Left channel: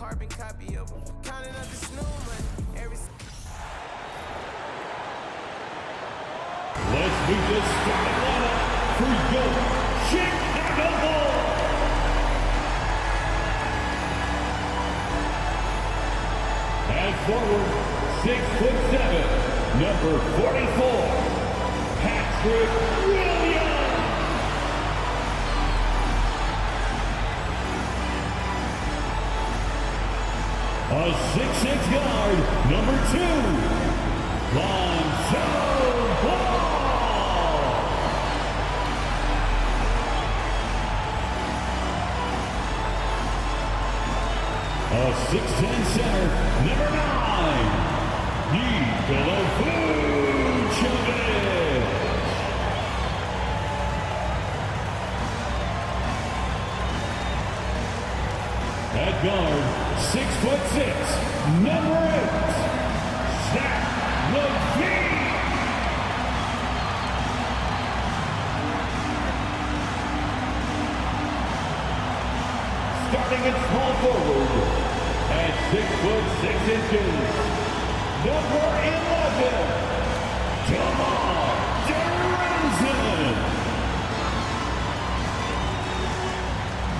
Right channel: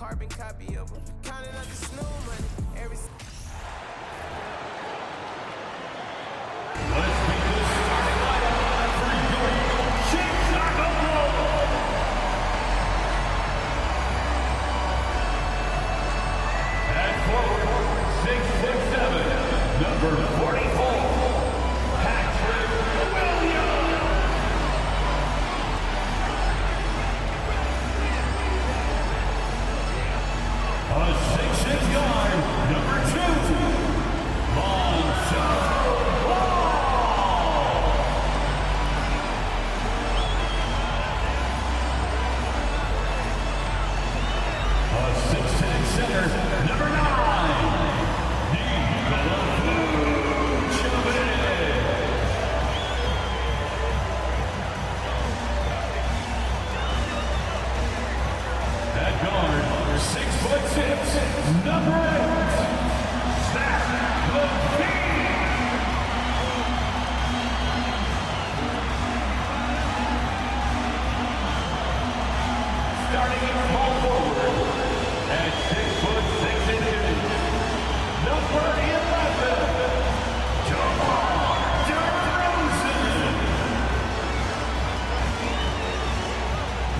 carbon copy of them. Counting up the snow money. Let's meet the starting lineup for your Chicago Bulls. At forward, 6'7", number 44, Patrick Williams. A 6'6" guard, number 2, Lonzo Ball. A 6'10" center, number 9, Nikola Vucevic. At guard, 6'6", number 8, Zach LaVine. Starting at small forward, at 6'6", number 11, DeMar DeRozan.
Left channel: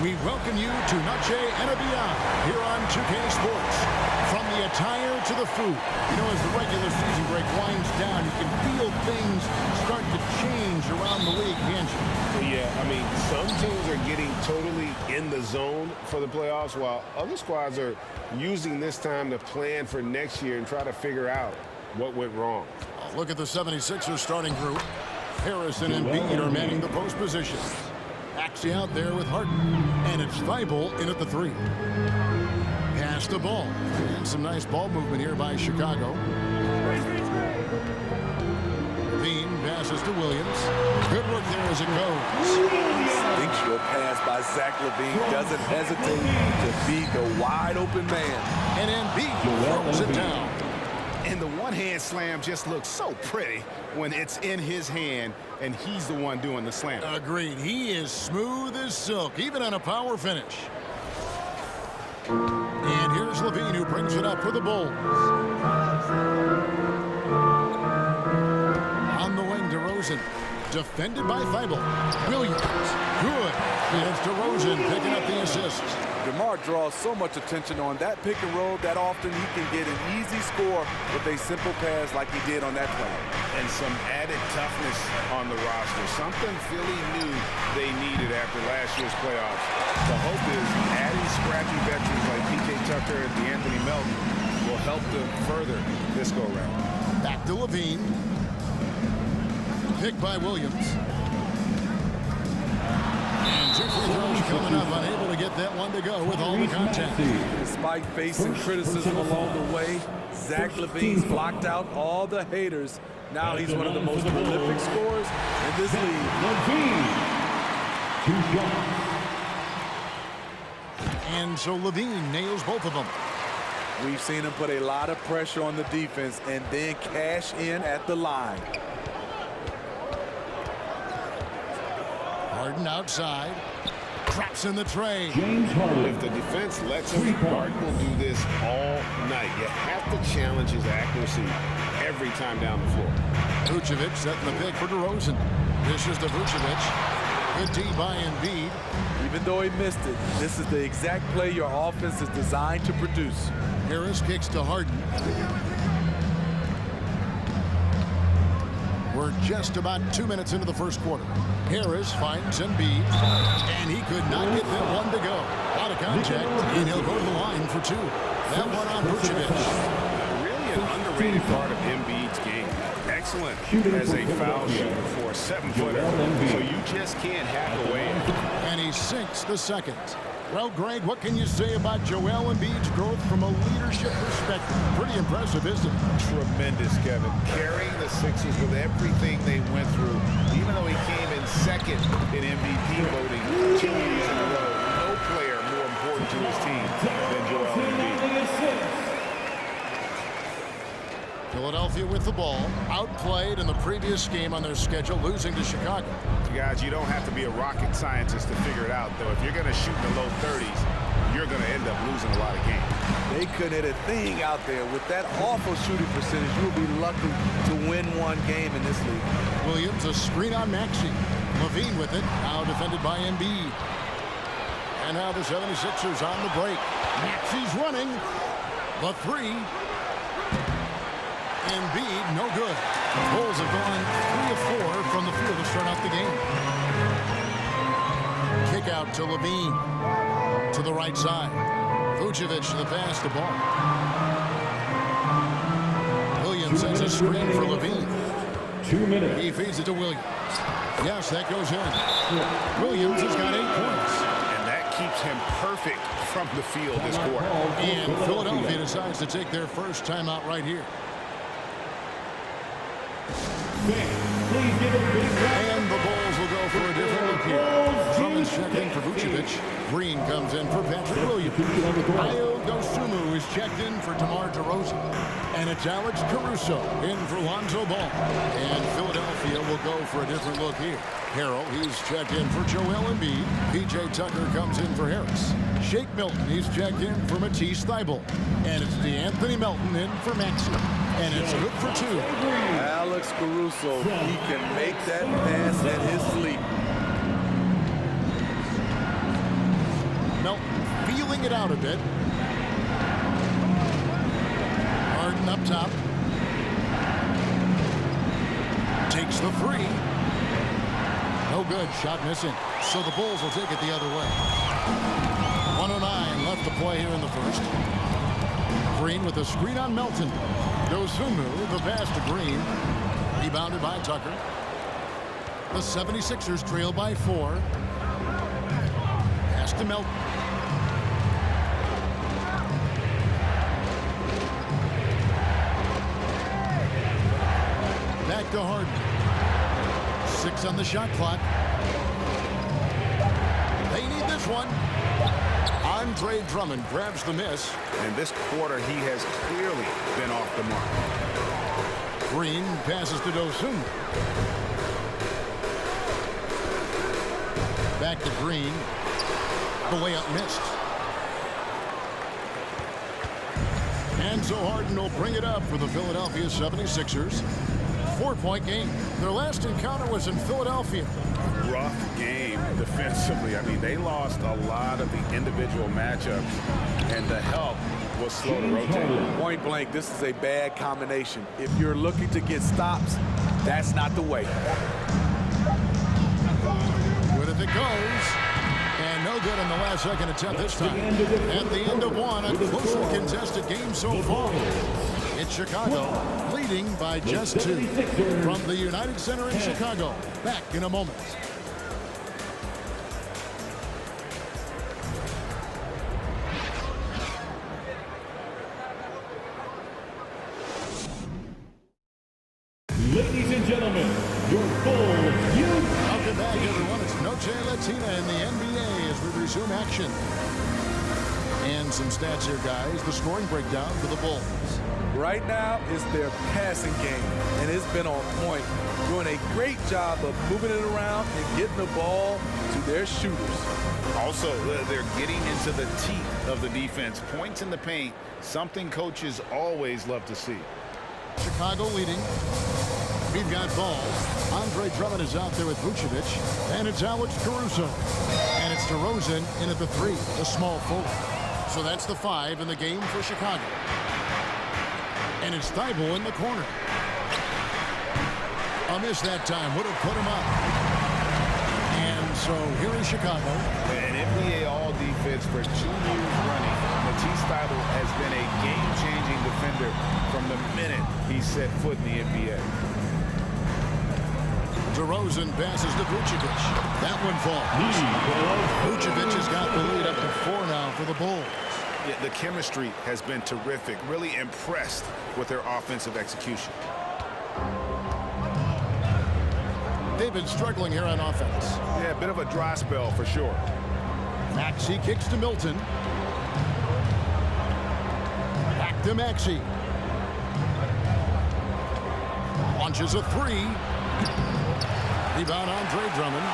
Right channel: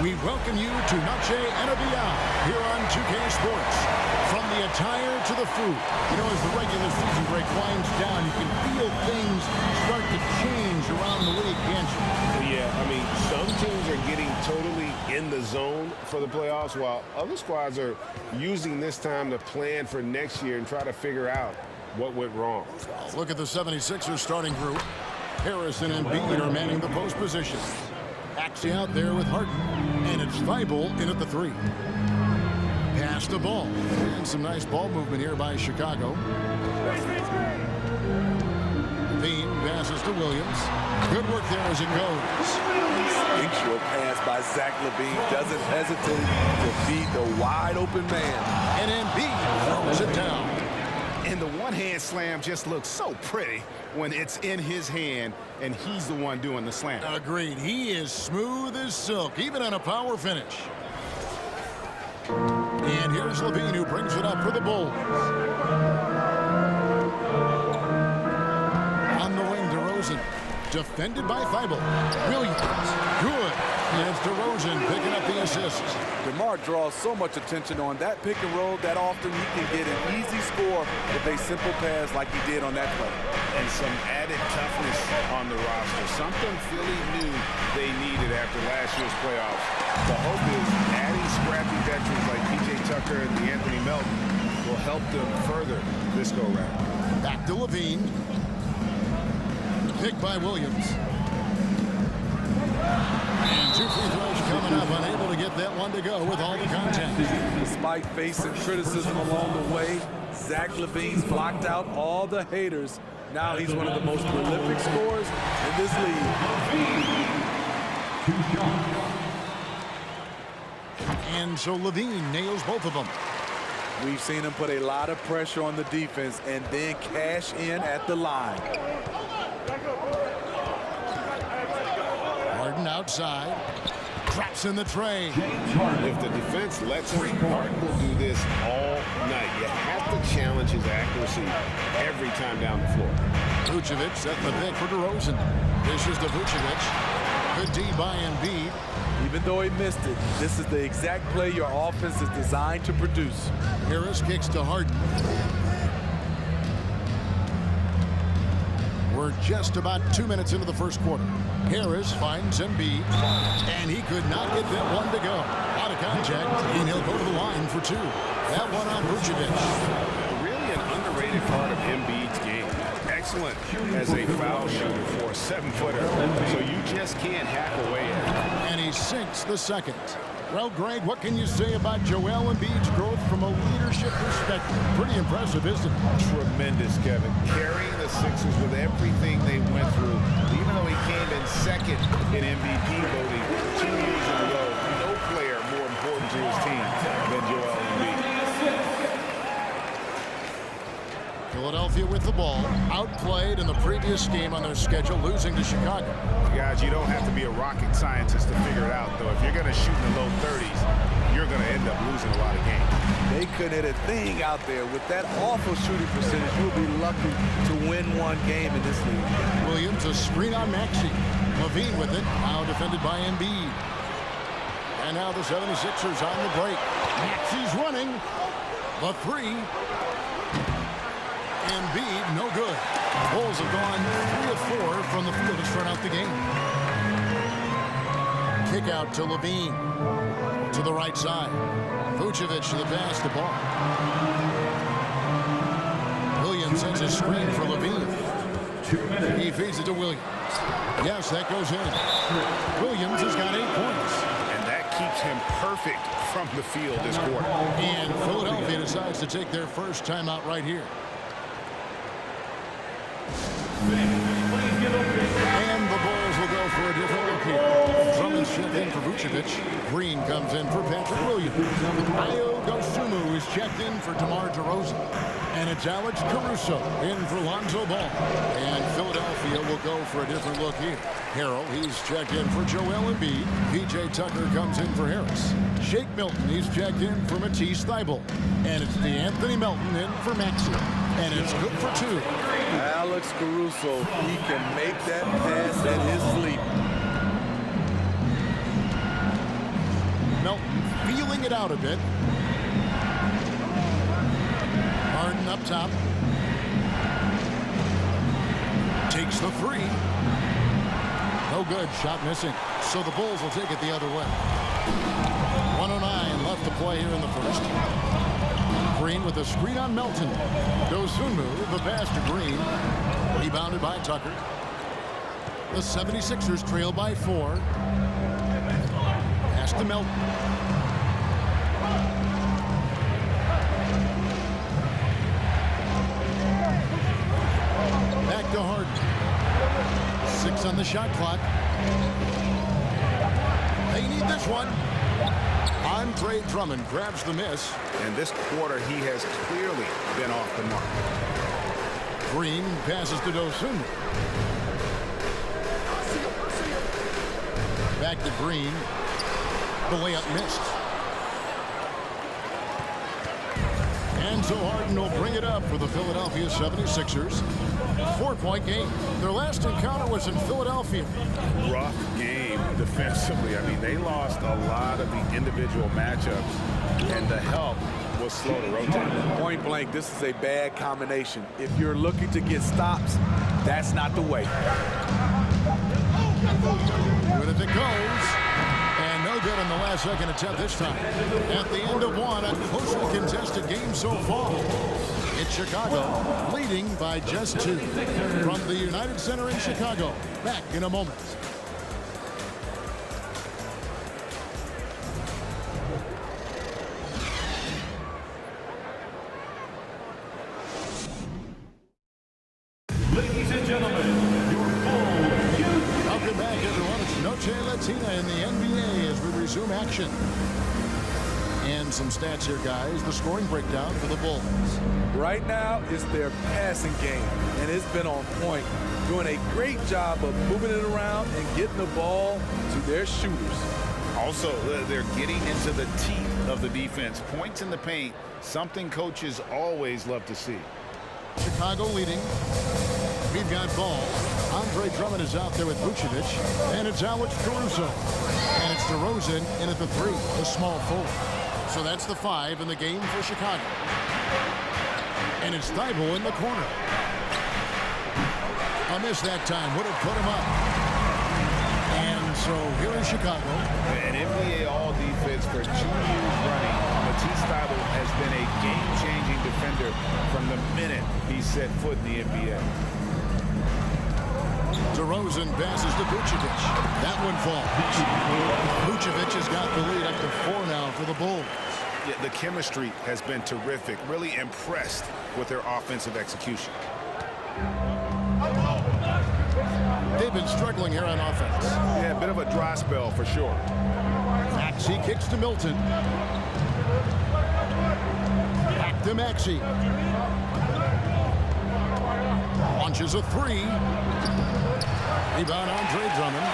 We welcome you to Noche and Beyond here on 2K Sports. From the attire to the food. You know, as the regular season break winds down, you can feel things start to change around the league, can't you? Well, yeah, I mean, some teams are getting totally in the zone for the playoffs, while other squads are using this time to plan for next year and try to figure out what went wrong. Look at the 76ers starting group. Harris and Embiid are manning the post positions. Axie out there with Harden, and it's Thibault in at the 3. Pass the ball, and some nice ball movement here by Chicago. Levine passes to Williams. Good work there as it goes. Instinctual pass by Zach LaVine, doesn't hesitate to beat the wide open man. And Embiid throws it down. And the one-hand slam just looks so pretty when it's in his hand and he's the one doing the slam. Agreed. He is smooth as silk, even on a power finish. And here's LaVine who brings it up for the Bulls. On the wing, DeRozan. Defended by Thibault. Williams. Good. And it's DeRozan picking up the assist. DeMar draws so much attention on that pick and roll that often he can get an easy score with a simple pass like he did on that play. And some added toughness on the roster, something Philly knew they needed after last year's playoffs. The hope is adding scrappy veterans like P.J. Tucker and DeAnthony Melton will help them further this go-round. Back to LaVine. Picked by Williams. And 2 free throws coming up, unable to get that one to go with all the contact. Despite facing criticism along the way, Zach LaVine's blocked out all the haters. Now he's one of the most prolific scorers in this league. LaVine, 2 shots. And so LaVine nails both of them. We've seen him put a lot of pressure on the defense and then cash in at the line. Harden outside. Traps in the tray. If the defense lets him, Harden will do this all night. You have to challenge his accuracy every time down the floor. Vucevic setting the pick for DeRozan. Dishes to Vucevic. Good D by Embiid. Even though he missed it, this is the exact play your offense is designed to produce. Harris kicks to Harden. We're just about 2 minutes into the first quarter. Harris finds Embiid, and he could not get that one to go. Out of contact, and he'll go to the line for 2. That one on Vucevic. Really an underrated part of Embiid's game. Excellent as a foul shooter for a 7-footer, so you just can't hack away at it. And he sinks the second. Well, Greg, what can you say about Joel Embiid's growth from a leadership perspective? Pretty impressive, isn't it? Tremendous, Kevin. Carrying the Sixers with everything they went through, even though he came in second in MVP voting 2 years in a row. No player more important to his team than Joel Embiid. Philadelphia with the ball, outplayed in the previous game on their schedule, losing to Chicago. Guys, you don't have to be a rocket scientist to figure it out, though. If you're going to shoot in the low 30s, you're going to end up losing a lot of games. They couldn't hit a thing out there. With that awful shooting percentage, you will be lucky to win one game in this league. Williams, a screen on Maxey. Levine with it, now defended by Embiid. And now the 76ers on the break. Maxey's running. The three. Embiid, no good. Bulls have gone 3 of 4 from the field to start out the game. Kick out to Levine. To the right side. Vucevic to the pass, the ball. Williams sends a screen for Levine. 2 minutes. He feeds it to Williams. Yes, that goes in. Williams has got 8 points. And that keeps him perfect from the field this quarter. And Philadelphia decides to take their first timeout right here. And the Bulls will go for a different look here. Drummond's checked in for Vucevic. Green comes in for Patrick Williams. Ayo Dosunmu is checked in for DeMar DeRozan. And it's Alex Caruso in for Lonzo Ball. And Philadelphia will go for a different look here. Harrell, he's checked in for Joel Embiid. PJ Tucker comes in for Harris. Shake Milton, he's checked in for Matisse Thybulle. And it's DeAnthony Melton in for Maxey. And it's good for 2. Alex Caruso, he can make that pass at his sleep. Melton feeling it out a bit. Harden up top. Takes the 3. No good. Shot missing. So the Bulls will take it the other way. 1:09 left to play here in the first. Green with a screen on Melton. Dosunmu, the pass to Green. Rebounded by Tucker. The 76ers trail by 4. Pass to Melton. Back to Harden. 6 on the shot clock. They need this one. Andre Drummond grabs the miss. And this quarter, he has clearly been off the mark. Green passes to Dosunmu. Back to Green. The layup missed. And so Harden will bring it up for the Philadelphia 76ers. 4-point game. Their last encounter was in Philadelphia. Rough game defensively. I mean, they lost a lot of the individual matchups, and the help was slow to rotate. Point blank, this is a bad combination. If you're looking to get stops, that's not the way. Good if it goes. And no good on the last second attempt this time. At the end of one, a closely contested game so far. It's Chicago leading by just 2. From the United Center in Chicago. Back in a moment. Ladies and gentlemen, your Bulls youth. Welcome back, everyone. It's Noche Latina in the NBA as we resume action. And some stats here, guys. The scoring breakdown for the Bulls. Right now, it's their passing game, and it's been on point. Doing a great job of moving it around and getting the ball to their shooters. Also, they're getting into the teeth of the defense. Points in the paint, something coaches always love to see. Chicago leading. We've got ball. Andre Drummond is out there with Vucevic, and it's Alex Caruso. And it's DeRozan in at the 3, the small forward. So that's the 5 in the game for Chicago. And it's Thybulle in the corner. A miss that time would have put him up. And so here in Chicago. An NBA All-Defense for 2 years running. Matisse Thybulle has been a game-changing defender from the minute he set foot in the NBA. DeRozan passes to Vucevic. That one falls. Vucevic has got the lead up to 4 now for the Bulls. Yeah, the chemistry has been terrific. Really impressed with their offensive execution. They've been struggling here on offense. Yeah, a bit of a dry spell for sure. Maxey kicks to Milton. Back to Maxey. Launches a 3. Rebound Andre Drummond.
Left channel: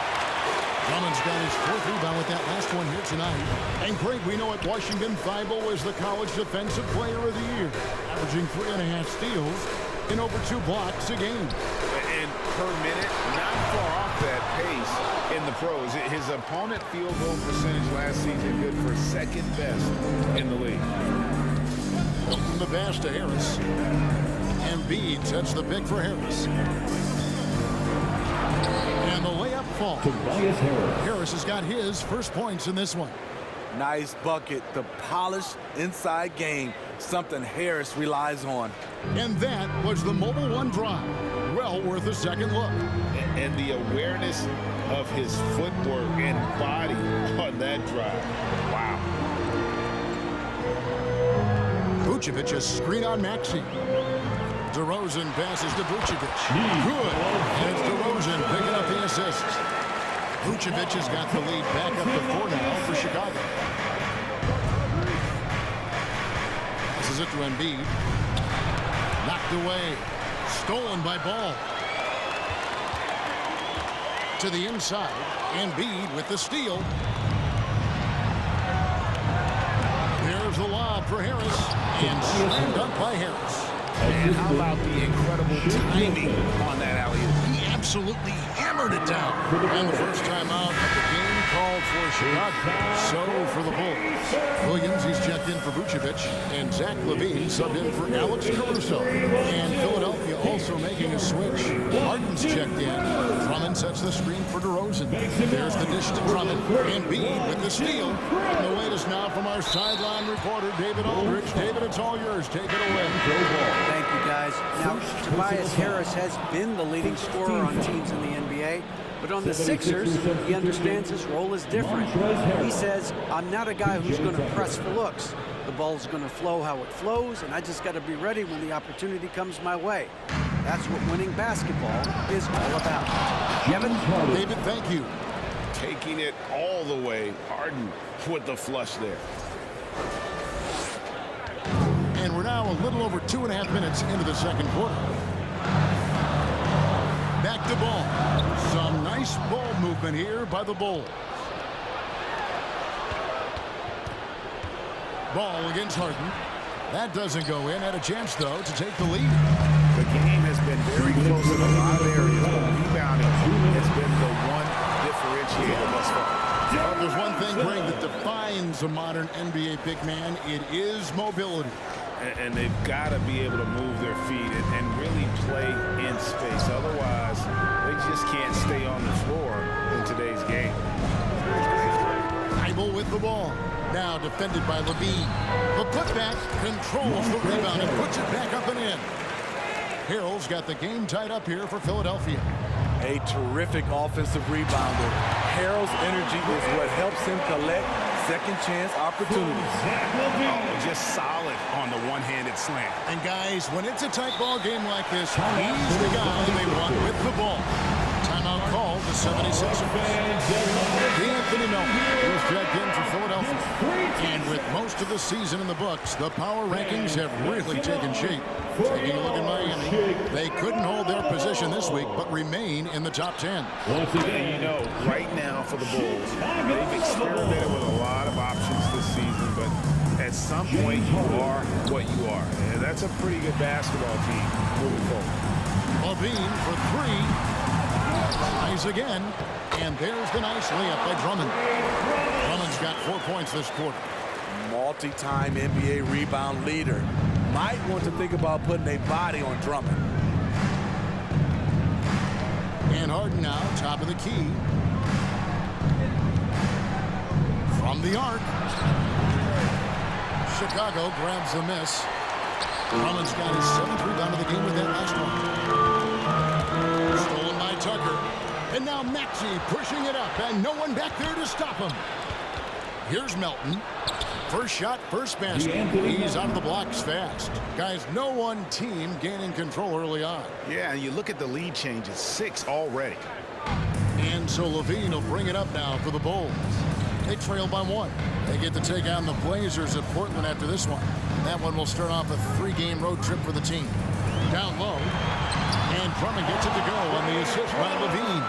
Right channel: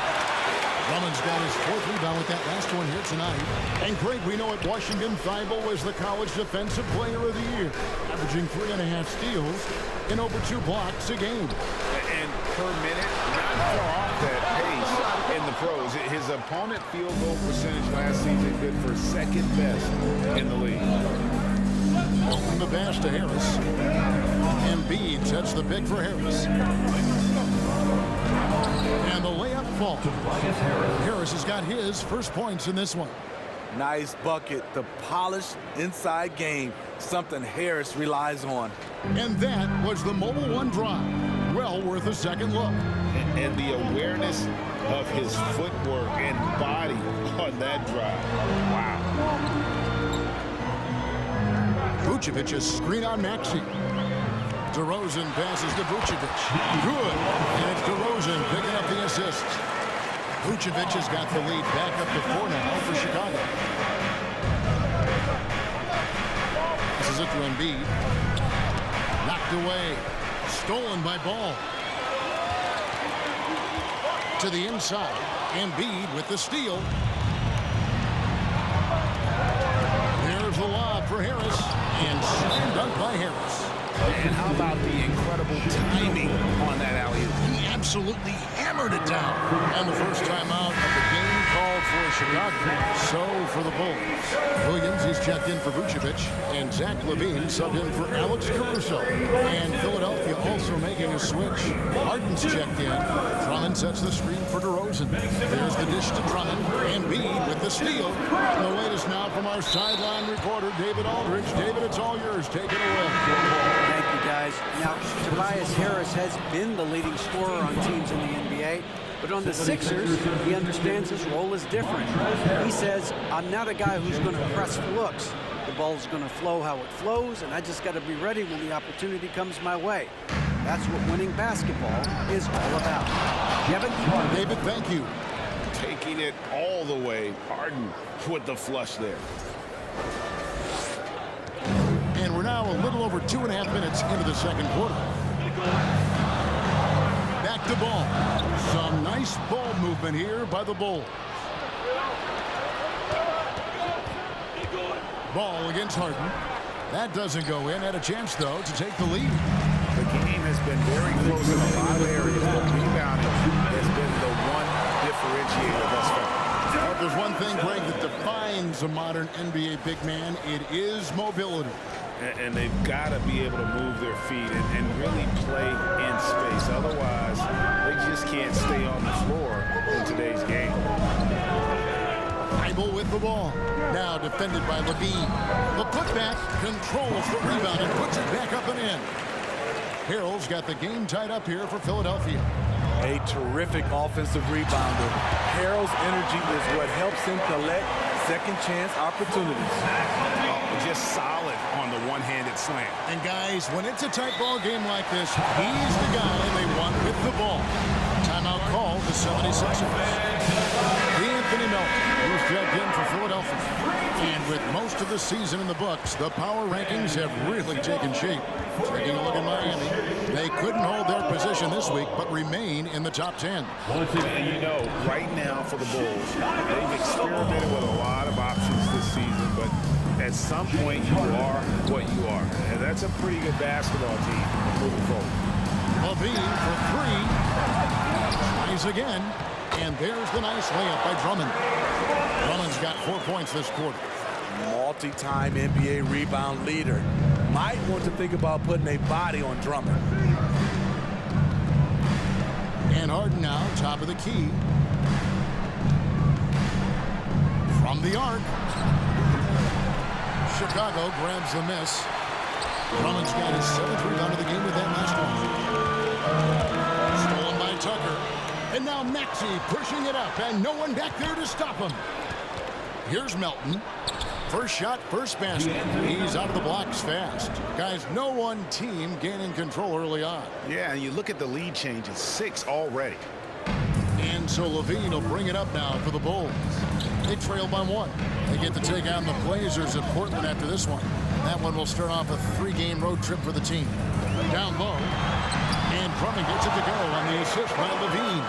Drummond's got his 4th rebound with that last one here tonight. And Craig, we know at Washington, Thibault was the college defensive player of the year, averaging 3.5 steals and over 2 blocks a game. And per minute, not far off that pace in the pros. His opponent field goal percentage last season good for 2nd best in the league. From the pass to Harris. Embiid sets the pick for Harris. And the layup falls. Tobias Harris. Harris has got his first points in this one. Nice bucket. The polished inside game, something Harris relies on. And that was the Mobile One drive. Well worth a second look. And the awareness of his footwork and body on that drive. Wow. Vucevic, a screen on Maxey. DeRozan passes to Vucevic. Good. And it's DeRozan picking up the assist. Vucevic has got the lead back up to 4 now for Chicago. Passes it to Embiid. Knocked away. Stolen by Ball. To the inside. Embiid with the steal. There's the lob for Harris. And slam dunk by Harris. And how about the incredible timing on that alley-oop? He absolutely hammered it down. And the first time out of the game called for Chicago. So for the Bulls. Williams, he's checked in for Vucevic. And Zach LaVine subbed in for Alex Caruso. And Philadelphia also making a switch. Harden's checked in. Drummond sets the screen for DeRozan. There's the dish to Drummond. Embiid with the steal. And the latest now from our sideline reporter, David Aldridge. David, it's all yours. Take it away. Thank you, guys. Now, Tobias Harris has been the leading scorer on teams in the NBA, but on the Sixers, he understands his role is different. He says, I'm not a guy who's going to press for looks. The ball's going to flow how it flows, and I just got to be ready when the opportunity comes my way. That's what winning basketball is all about. Kevin? David, thank you. Taking it all the way. Harden with the flush there. And we're now a little over 2.5 minutes into the second quarter. Back to Ball. Some nice ball movement here by the Bulls. Ball against Harden. That doesn't go in. Had a chance, though, to take the lead. The game has been very close in a lot of areas, but rebounding has been the one differentiator thus far. Well, if there's one thing, Greg, that defines a modern NBA big man, it is mobility. And they've got to be able to move their feet and really play in space. Otherwise, they just can't stay on the floor in today's game. Thibault with the ball. Now defended by Levine. The putback controls the rebound and puts it back up and in. Harrell's got the game tied up here for Philadelphia. A terrific offensive rebounder. Harrell's energy is what helps him collect second chance opportunities. Oh, just solid on the one-handed slam. And guys, when it's a tight ball game like this, he's the guy they want with the ball. Timeout called the 76ers. Anthony Melton was checked in for Philadelphia. And with most of the season in the books, the power rankings have really taken shape. Taking a look at Miami, they couldn't hold their position this week, but remain in the top 10. And you know, right now for the Bulls, they've experimented with a lot of options this season, but at some point you are what you are. And that's a pretty good basketball team moving forward. Levine for 3. Tries again. And there's the nice layup by Drummond. Drummond's got 4 points this quarter. Multi-time NBA rebound leader. Might want to think about putting a body on Drummond. And Harden now, top of the key. From the arc. Chicago grabs the miss. Drummond's got his 7th rebound of the game with that last one. Stolen by Tucker. And now Maxey pushing it up, and no one back there to stop him. Here's Melton. First shot, first basket. He's out of the blocks fast. Guys, no one team gaining control early on. Yeah, and you look at the lead changes, 6 already. And so Levine will bring it up now for the Bulls. They trail by 1. They get to take on the Blazers at Portland after this one. That one will start off a 3-game road trip for the team. Down low. And Drummond gets it to go on the assist by Levine.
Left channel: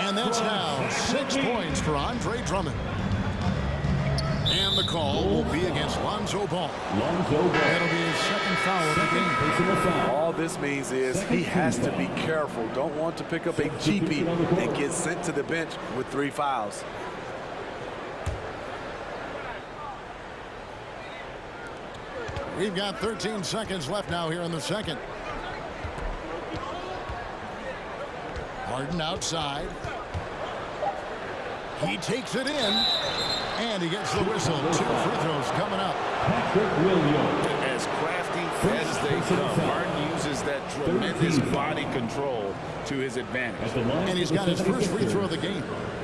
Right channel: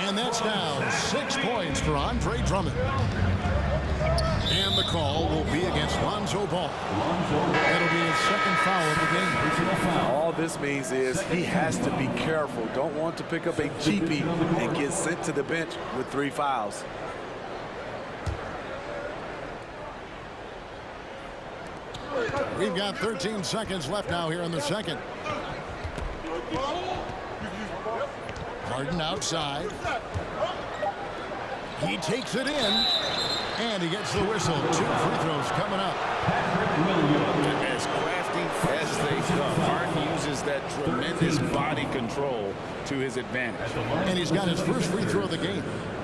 And that's now 6 points for Andre Drummond. And the call will be against Lonzo Ball. That'll be his second foul of the game. All this means is he has to be careful. Don't want to pick up a cheapie and get sent to the bench with 3 fouls. We've got 13 seconds left now here in the second. Harden outside. He takes it in, and he gets the whistle. 2 free throws coming up. As crafty as they come, Harden uses that tremendous body control to his advantage. And he's got his first free throw of the game.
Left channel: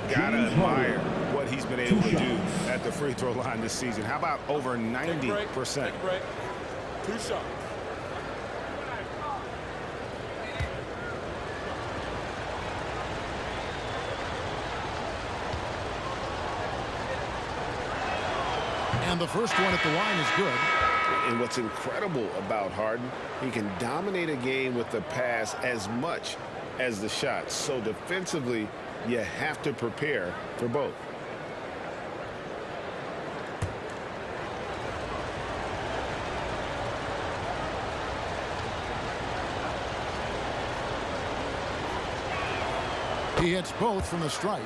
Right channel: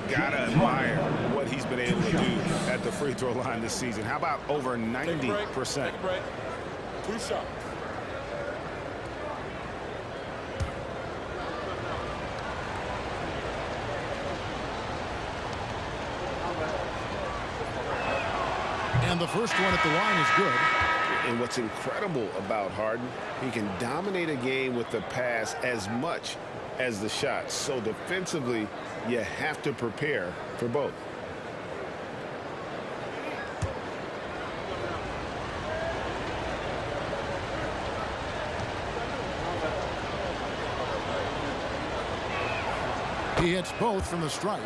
Gotta admire what he's been able to do at the free throw line this season. How about over 90%? Take a break. 2 shots. And the first one at the line is good. And what's incredible about Harden, he can dominate a game with the pass as much as the shot. So defensively, you have to prepare for both. He hits both from the stripe.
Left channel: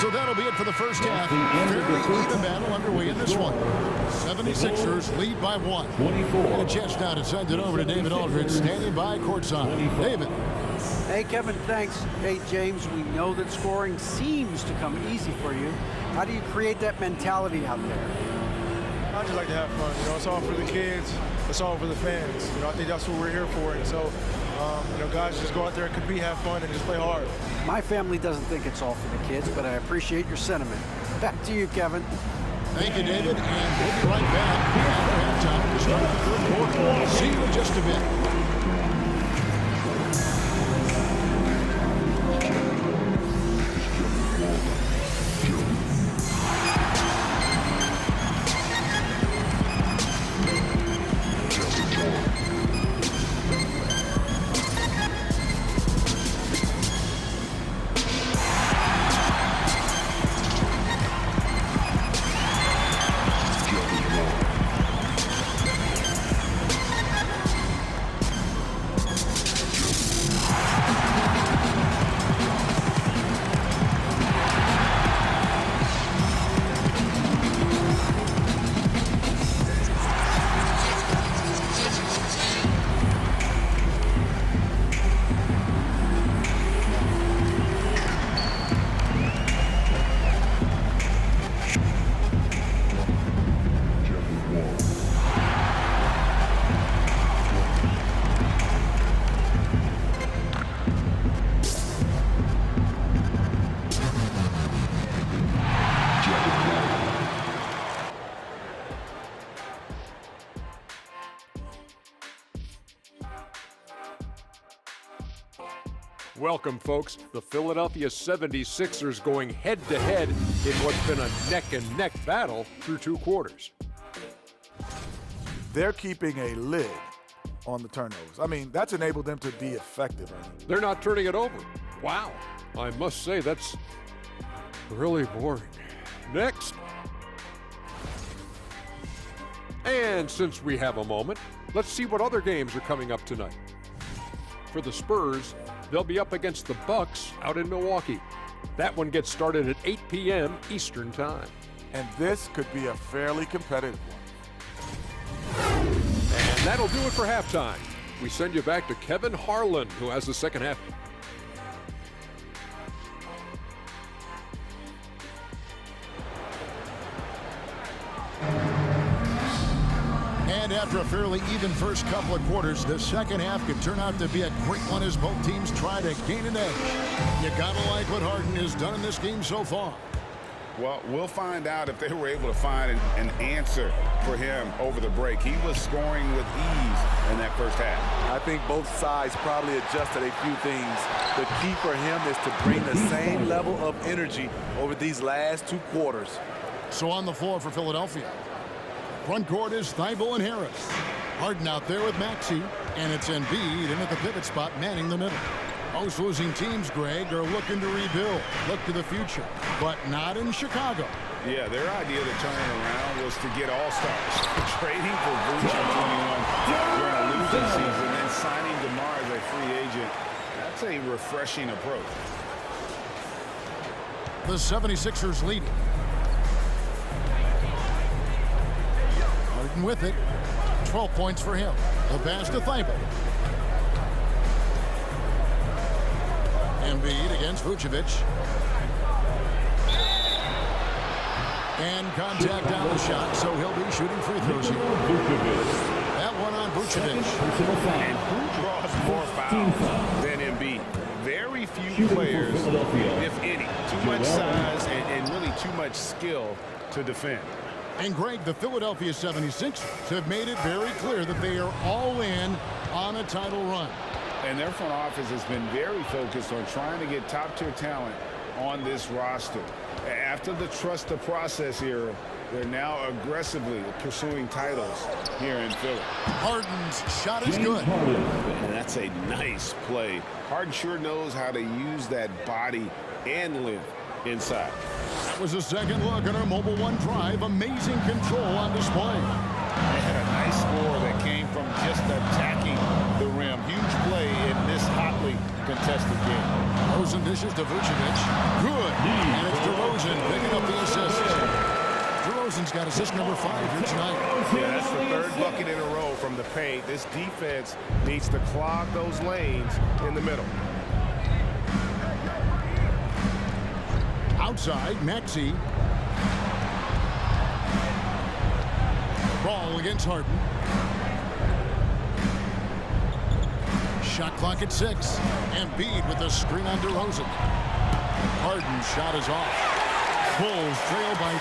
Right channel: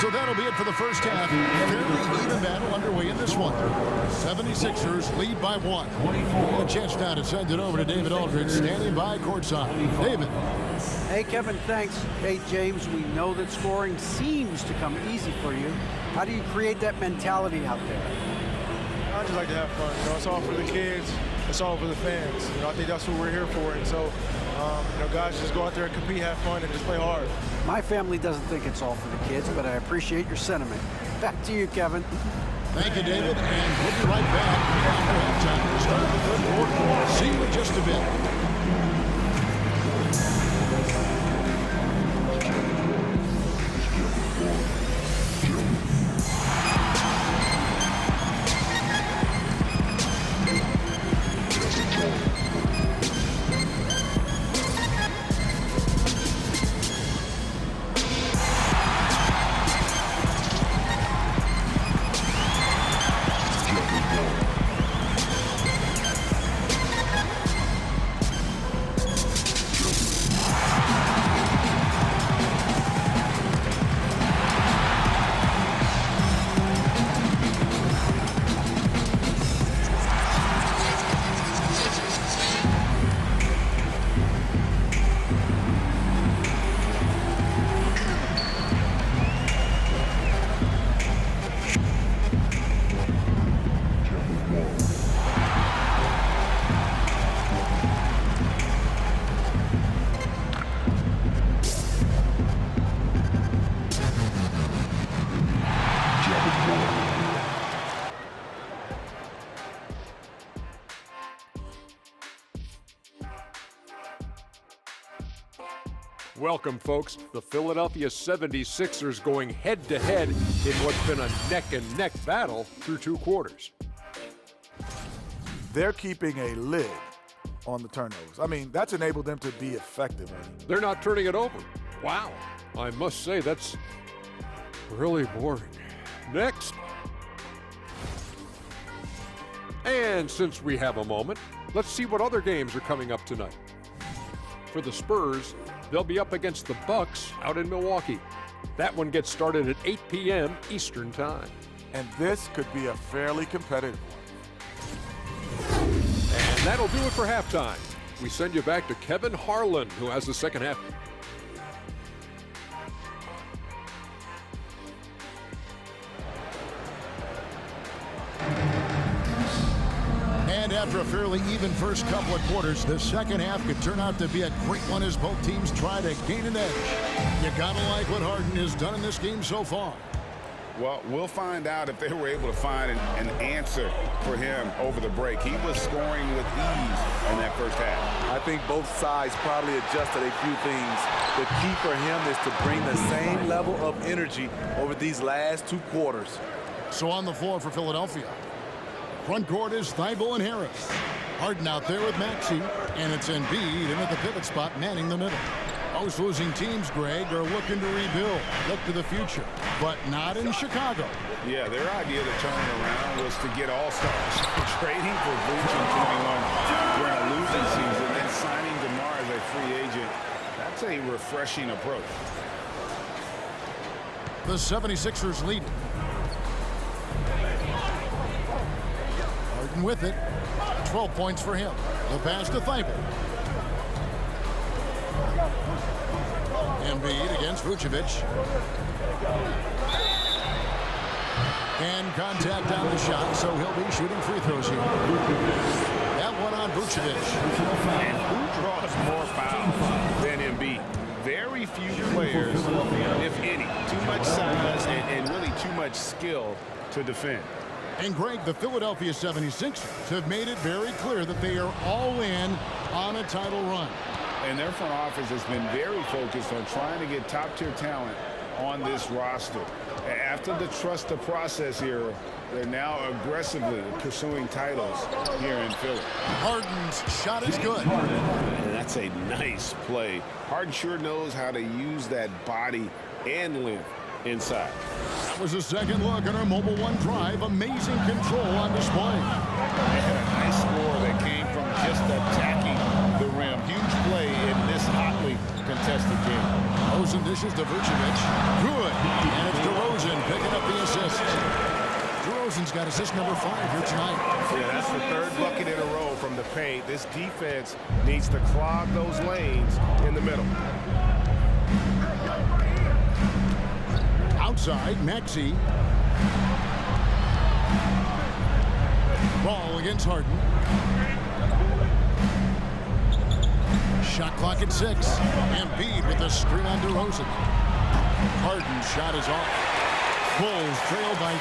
So that'll be it for the first half. Fairly even battle underway in this one. 76ers lead by 1. And a chance now to send it over to David Aldridge, standing by courtside. David. Hey, Kevin, thanks. Hey, James, we know that scoring seems to come easy for you. How do you create that mentality out there? I just like to have fun. You know, it's all for the kids. It's all for the fans. You know, I think that's what we're here for. And so, you know, guys, just go out there and compete, have fun, and just play hard. My family doesn't think it's all for the kids, but I appreciate your sentiment. Back to you, Kevin. Thank you, David, and we'll be right back after halftime to start the third quarter. See you in just a bit. Welcome, folks. The Philadelphia 76ers going head-to-head in what's been a neck-and-neck battle through 2 quarters. They're keeping a lid on the turnovers. I mean, that's enabled them to be effective. They're not turning it over. Wow. I must say, that's really boring. Next. And since we have a moment, let's see what other games are coming up tonight. For the Spurs, they'll be up against the Bucks out in Milwaukee. That one gets started at 8 p.m. Eastern Time. And this could be a fairly competitive one. And that'll do it for halftime. We send you back to Kevin Harlan, who has the second half. And after a fairly even first couple of quarters, the second half could turn out to be a great one as both teams try to gain an edge. You gotta like what Harden has done in this game so far. Well, we'll find out if they were able to find an answer for him over the break. He was scoring with ease in that first half. I think both sides probably adjusted a few things. The key for him is to bring the same level of energy over these last 2 quarters. So on the floor for Philadelphia, Front court is Thibault and Harris. Harden out there with Maxey, and it's Embiid in at the pivot spot, manning the middle. Most losing teams, Greg, are looking to rebuild, look to the future, but not in Chicago. Yeah, their idea to turn it around was to get all-stars. Trading for Voucher in 21 during a losing season, then signing DeMar as a free agent. That's a refreshing approach. The 76ers lead it. Harden with it. 12 points for him. The pass to Thibault. Embiid against Vucevic. And contact on the shot, so he'll be shooting free throws here. That one on Vucevic. And who draws more fouls than Embiid? Very few players, if any. Too much size and really too much skill to defend. And Greg, the Philadelphia 76ers have made it very clear that they are all in on a title run. And their front office has been very focused on trying to get top-tier talent on this roster. After the trust the process era, they're now aggressively pursuing titles here in Philly. Harden's shot is good. And that's a nice play. Harden sure knows how to use that body and length inside. That was a second look at our Mobile One drive. Amazing control on display. They had a nice score that came from just attacking the rim. Huge play in this hotly contested game. DeRozan dishes to Vucevic. Good. And it's DeRozan picking up the assist. DeRozan's got assist number 5 here tonight. Yeah, that's the third bucket in a row from the paint. This defense needs to clog those lanes in the middle. Outside, Maxey. Ball against Harden. Shot clock at 6. Embiid with the screen on DeRozan. Harden's shot is off. Bulls trail by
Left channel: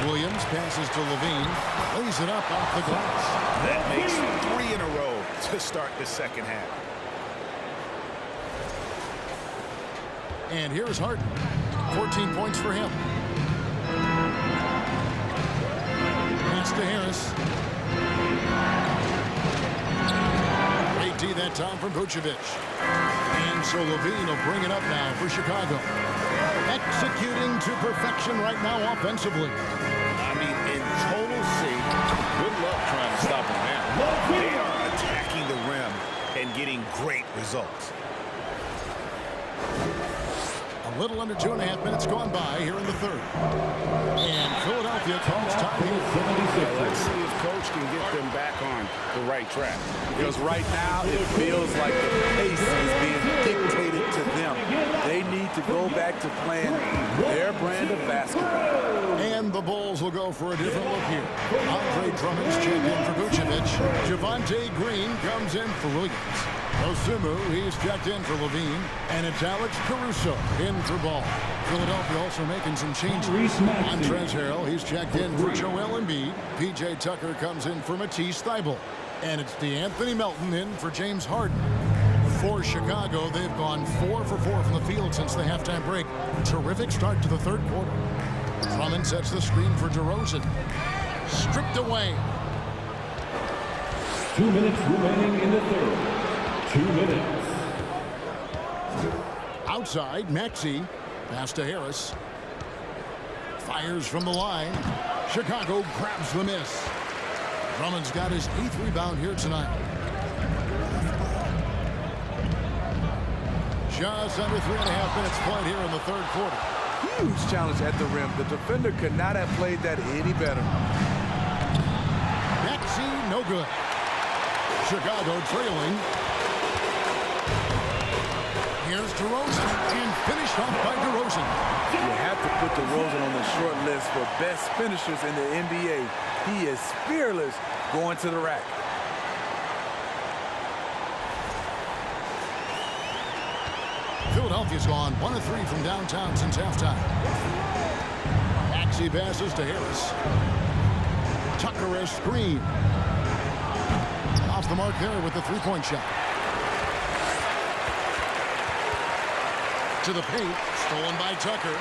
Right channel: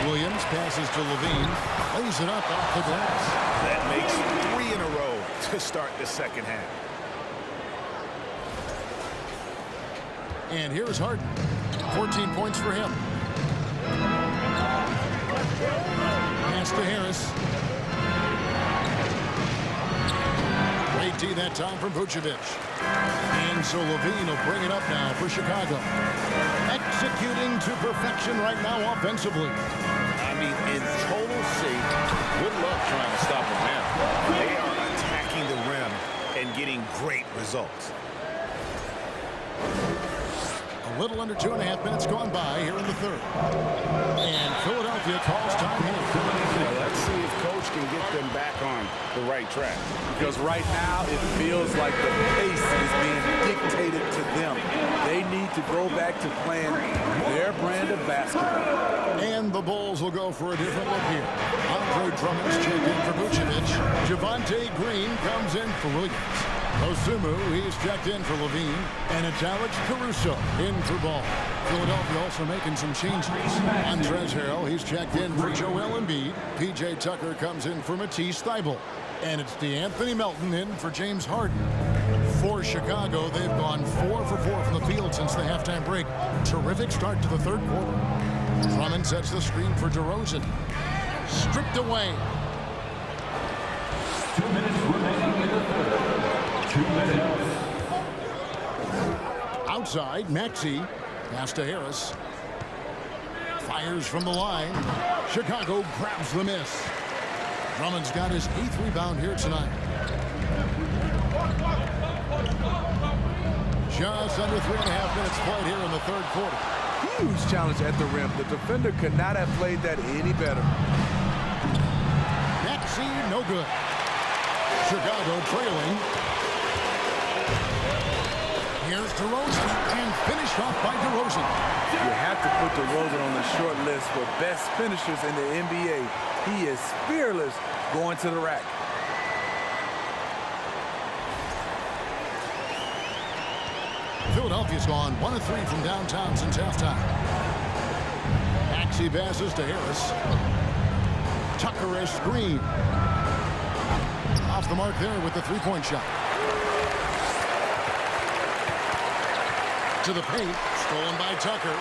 3. Williams passes to Levine. Lays it up off the glass. That makes 3 in a row to start the second half. And here's Harden. 14 points for him. Pass to Harris. Great D that time from Vucevic. And so Levine will bring it up now for Chicago. Executing to perfection right now offensively. I mean, in total sync. Good luck trying to stop them now. They are attacking the rim and getting great results. A little under 2.5 minutes gone by here in the third. And Philadelphia calls time here. Well, let's see if Coach can get them back on the right track. Because right now it feels like the pace is being dictated to them. They need to go back to playing their brand of basketball. And the Bulls will go for a different look here. Andre Drummond's checked in for Vucevic. Javonte Green comes in for Williams. Osumu, he's checked in for Levine. And it's Alex Caruso in for Ball. Philadelphia also making some changes. Montrezl Harrell, he's checked in for Joel Embiid. P.J. Tucker comes in for Matisse Thybulle. And it's DeAnthony Melton in for James Harden. For Chicago, they've gone 4 for 4 from the field since the halftime break. Terrific start to the third quarter. Drummond sets the screen for DeRozan. Stripped away. 2 minutes remaining in the third. 2 minutes. Outside, Maxey. Pass to Harris. Fires from the line. Chicago grabs the miss. Drummond's got his 8th rebound here tonight. Just under 3.5 minutes played here in the third quarter. Huge challenge at the rim. The defender could not have played that any better. Maxey, no good. Chicago trailing. Here's DeRozan, and finished off by DeRozan. You have to put DeRozan on the short list for best finishers in the NBA. He is fearless going to the rack. Philadelphia's gone 1 of 3 from downtown since halftime. Maxey passes to Harris. Tucker as screen. Off the mark there with the three-point shot. To the paint, stolen by Tucker.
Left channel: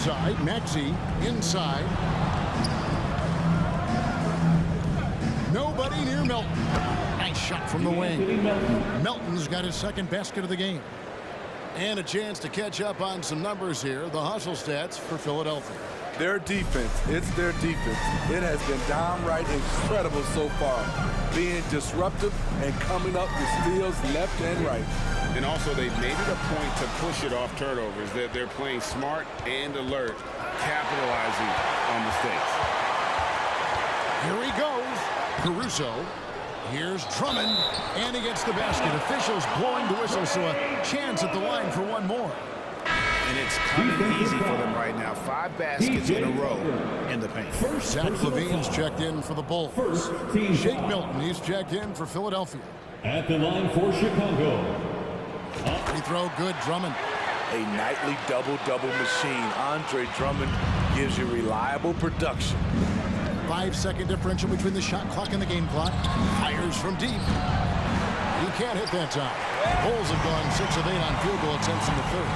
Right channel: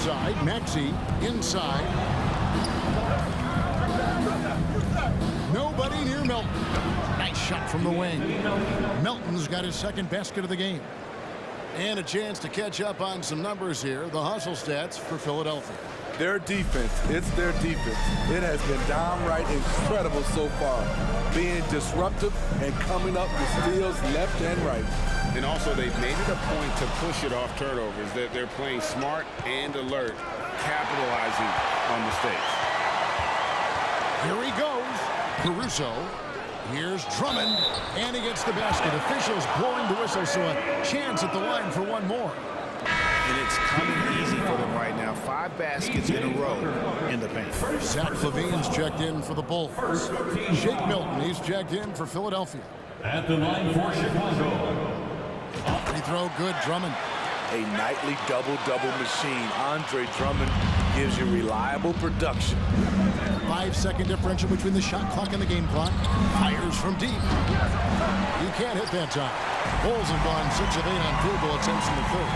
side. Maxey inside. Nobody near Melton. Nice shot from the wing. Melton's got his second basket of the game. And a chance to catch up on some numbers here. The hustle stats for Philadelphia. Their defense, it's their defense. It has been downright incredible so far, being disruptive and coming up with steals left and right. And also, they've made it a point to push it off turnovers. They're playing smart and alert, capitalizing on mistakes. Here he goes. Caruso. Here's Drummond, and he gets the basket. Officials blowing the whistle, so a chance at the line for one more. And it's coming easy for them right now. 5 baskets in a row in the paint. Zach LaVine's checked in for the Bulls. Shake Milton, he's checked in for Philadelphia. At the line for Chicago. Free throw, good, Drummond. A nightly double-double machine. Andre Drummond gives you reliable production. 5-second differential between the shot clock and the game clock. Fires from deep. He can't hit that time. The Bulls have gone 6 of 8 on field goal attempts in the third.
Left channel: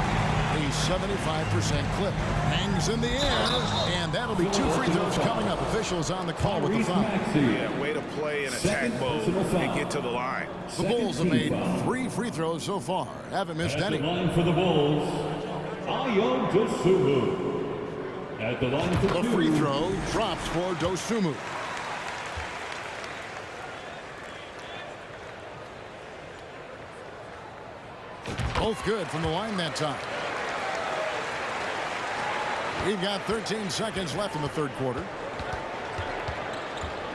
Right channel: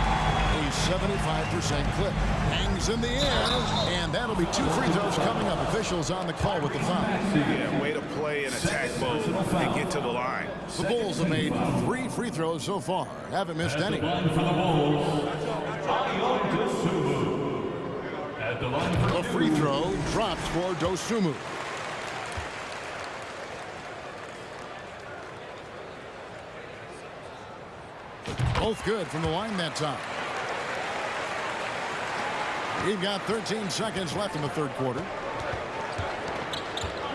A 75% clip. Hangs in the air, and that'll be 2 free throws coming up. Officials on the call with the foul. Yeah, way to play an attack mode and get to the line. The Bulls have made 3 free throws so far. Haven't missed any. At the line for the Bulls, Ayon Dosunmu. At the line for the free throw drops for Dosunmu. Both good from the line that time. We've got 13 seconds left in the third quarter.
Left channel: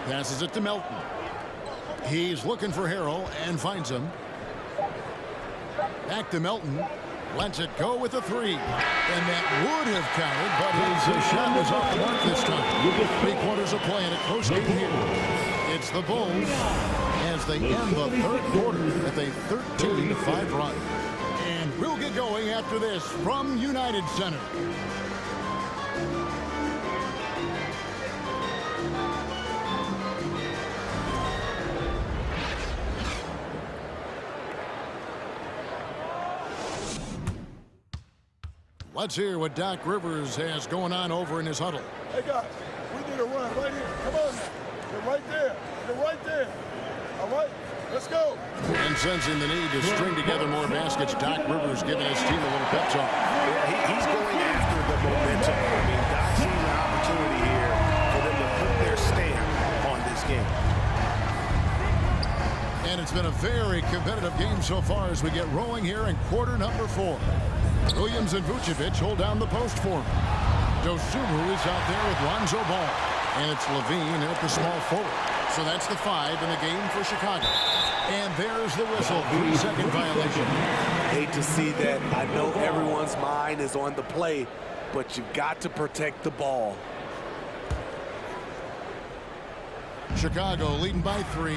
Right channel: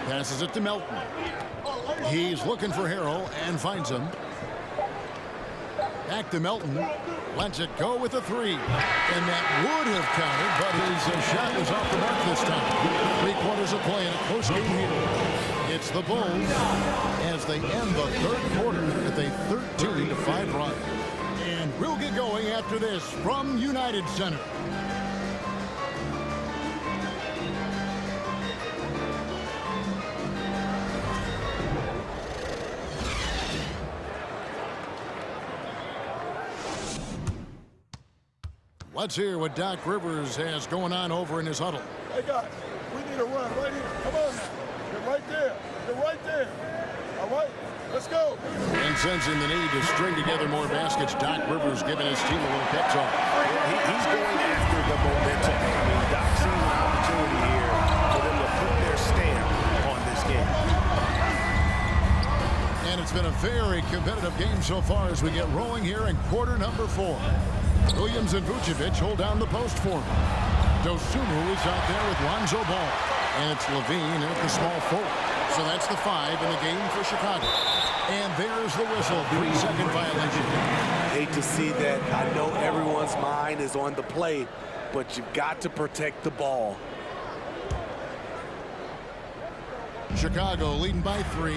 Passes it to Melton. He's looking for Harrell and finds him. Back to Melton. Lets it go with a 3. And that would have counted, but his shot was off the mark this time. 3 quarters of play in a close game here. It's the Bulls as they end the third quarter with a 13-5 run. And we'll get going after this from United Center. Let's hear what Doc Rivers has going on over in his huddle. Hey, guys, we need a run right here. Come on now. You're right there. You're right there. All right, let's go. And sensing the need to string together more baskets, Doc Rivers giving his team a little pep talk. Yeah, he's going after the momentum. I mean, Doc sees an opportunity here for them to put their stamp on this game. And it's been a very competitive game so far as we get rolling here in quarter number 4. Williams and Vucevic hold down the post for him. Dosunmu is out there with Lonzo Ball. And it's Levine in at the small forward. So that's the 5 in the game for Chicago. And there's the whistle. 3-second violation. Hate to see that. I know everyone's mind is on the play, but you've got to protect the ball. Chicago leading by 3.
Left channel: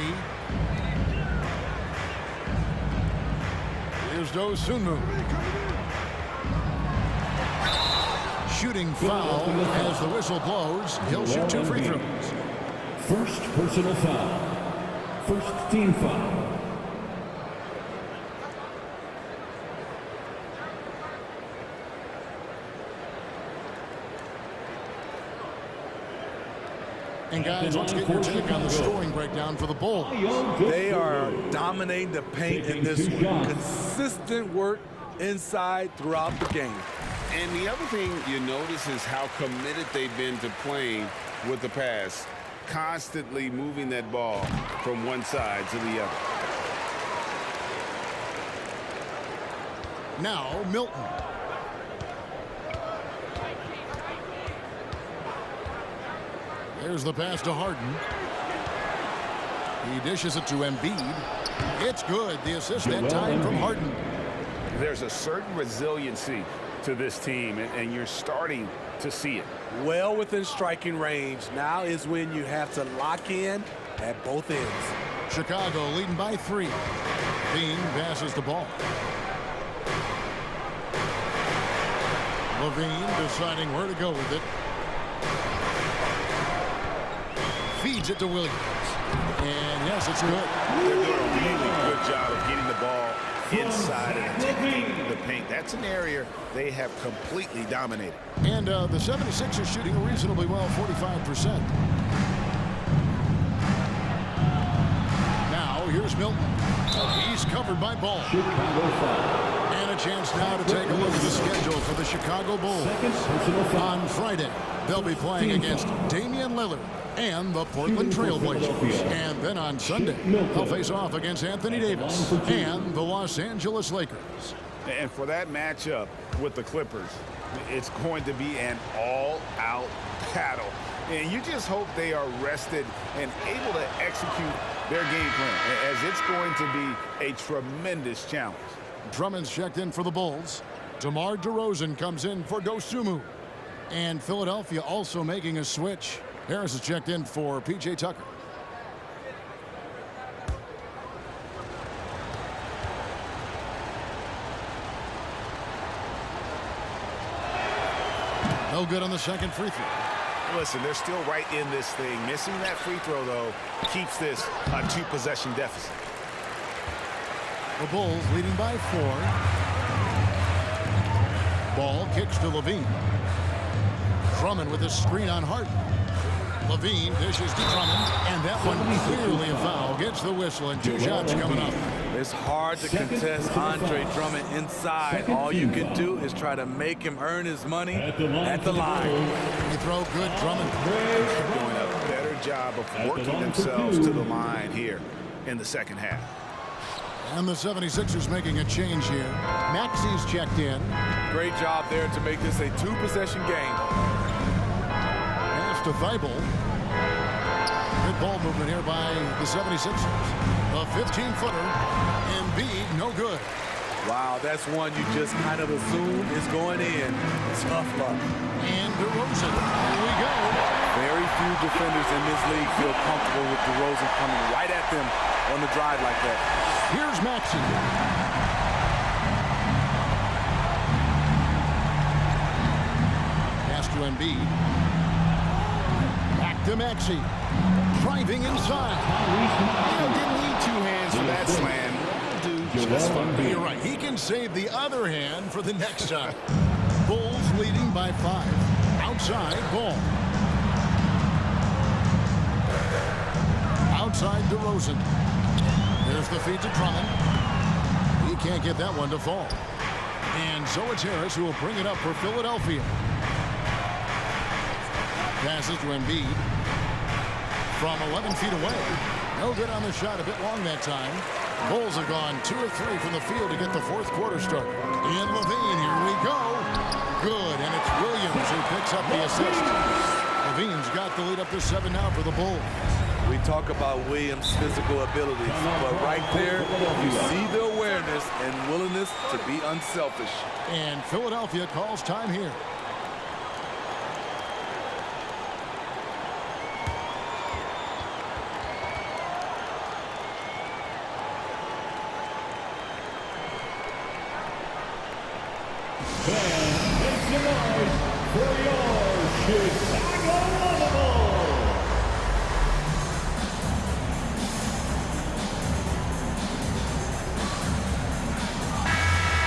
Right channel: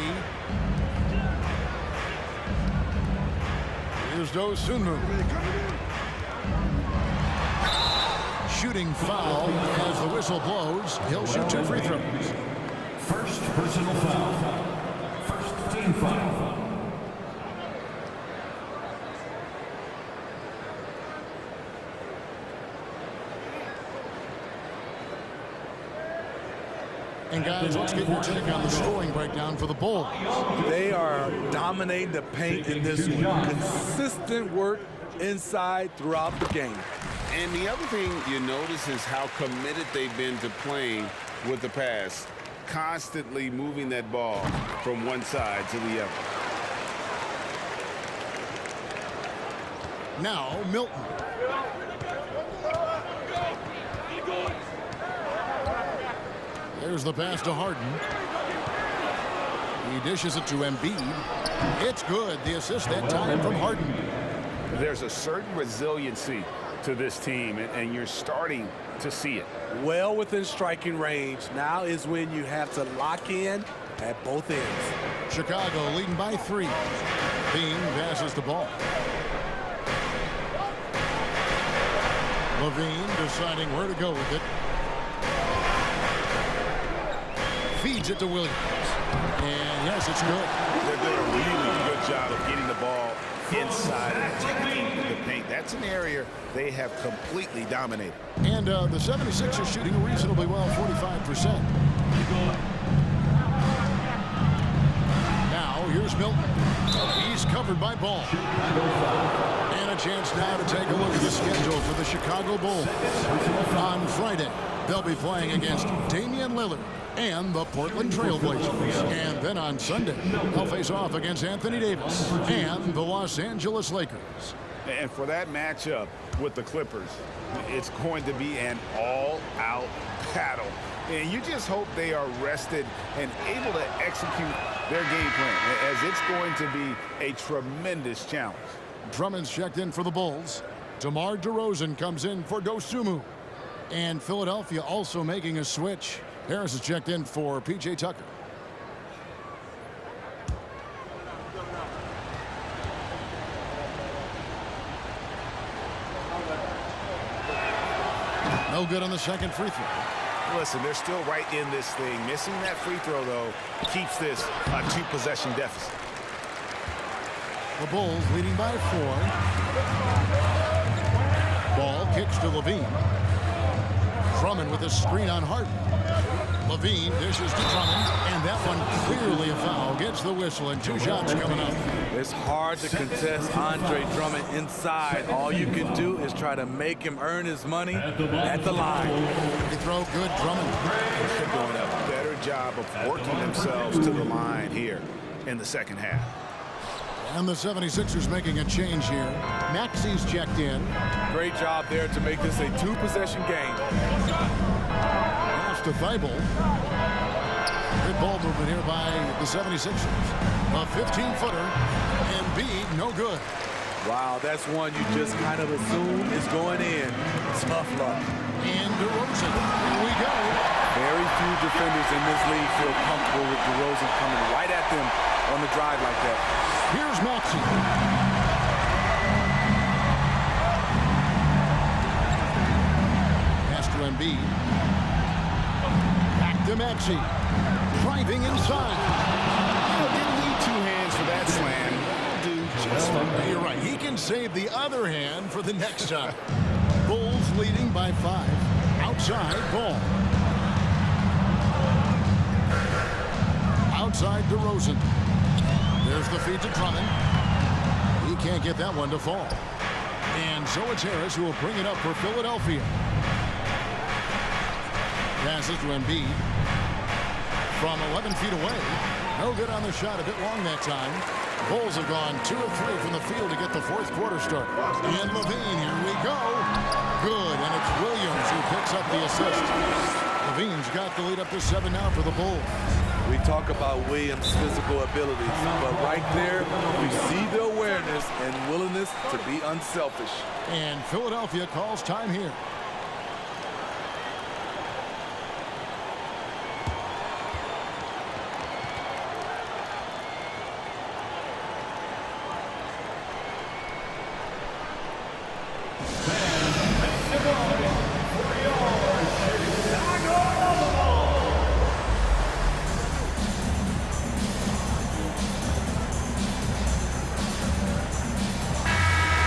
Here's Dosunmu. Shooting foul as the whistle blows. He'll shoot 2 free throws. First personal foul. First team foul. And guys, let's get your take on the scoring breakdown for the Bulls. They are dominating the paint in this one. Consistent work inside throughout the game. And the other thing you notice is how committed they've been to playing with the pass, constantly moving that ball from one side to the other. Now, Milton. There's the pass to Harden. He dishes it to Embiid. It's good. The assist that time from Harden. There's a certain resiliency to this team, and you're starting to see it. Well within striking range. Now is when you have to lock in at both ends. Chicago leading by 3. Bean passes the ball. Levine deciding where to go with it. Feeds it to Williams. And yes, it's good. They're doing a really good job of getting the ball inside and attacking the paint. That's an area they have completely dominated. And the 76ers shooting reasonably well, 45%. Now, here's Milton. He's covered by Ball. And a chance now to take a look at the schedule for the Chicago Bulls. On Friday, they'll be playing against Damian Lillard and the Portland Trail Blazers. And then on Sunday, they'll face off against Anthony Davis and the Los Angeles Lakers. And for that matchup with the Clippers, it's going to be an all-out battle. And you just hope they are rested and able to execute their game plan, as it's going to be a tremendous challenge. Drummond's checked in for the Bulls. DeMar DeRozan comes in for Dosunmu. And Philadelphia also making a switch. Harris is checked in for P.J. Tucker. No good on the second free throw. Listen, they're still right in this thing. Missing that free throw, though, keeps this a two-possession deficit. The Bulls leading by 4. Ball kicks to Levine. Drummond with a screen on Harden. Levine dishes to Drummond, and that one clearly a foul. Gets the whistle, and 2 shots coming up. It's hard to contest Andre Drummond inside. All you can do is try to make him earn his money at the line. Free throw good, Drummond. They're doing a better job of working themselves to the line here in the second half. And the 76ers making a change here. Maxey's checked in. Great job there to make this a 2-possession game. Pass to Thibault. Good ball movement here by the 76ers. A 15-footer. Embiid, no good. Wow, that's one you just kind of assume is going in. Tough luck. And DeRozan, here we go. Very few defenders in this league feel comfortable with DeRozan coming right at them on the drive like that. Here's Maxey. Pass to Embiid. Back to Maxey. Driving inside. Didn't need 2 hands for that slam. Do just fine. You're right. He can save the other hand for the next time. Bulls leading by 5. Outside, Ball. Outside, DeRozan. There's the feed to Drummond. He can't get that one to fall. And so it's Harris who will bring it up for Philadelphia. Passes to Embiid. From 11 feet away. No good on the shot. A bit long that time. Bulls have gone 2 of 3 from the field to get the 4th quarter started. And Levine, here we go. Good, and it's Williams who picks up the assist. Levine's got the lead up to 7 now for the Bulls. We talk about Williams' physical abilities, but right there, you see the awareness and willingness to be unselfish. And Philadelphia calls time here.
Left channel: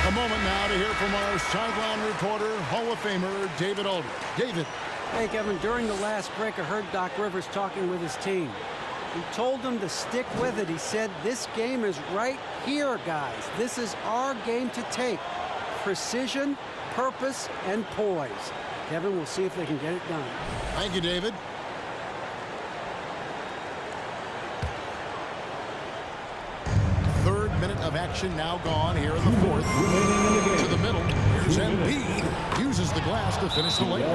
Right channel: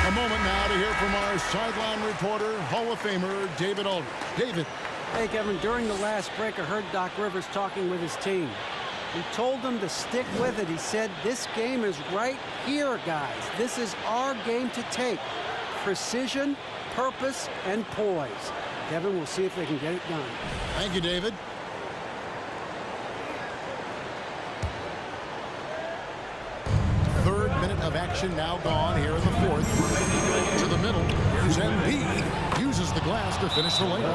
A moment now to hear from our sideline reporter, Hall of Famer David Aldridge. David. Hey, Kevin, during the last break, I heard Doc Rivers talking with his team. He told them to stick with it. He said, this game is right here, guys. This is our game to take. Precision, purpose, and poise. Kevin, we'll see if they can get it done. Thank you, David. Third minute of action now gone here in the 4th. To the middle. Here's Embiid. Uses the glass to finish the layup.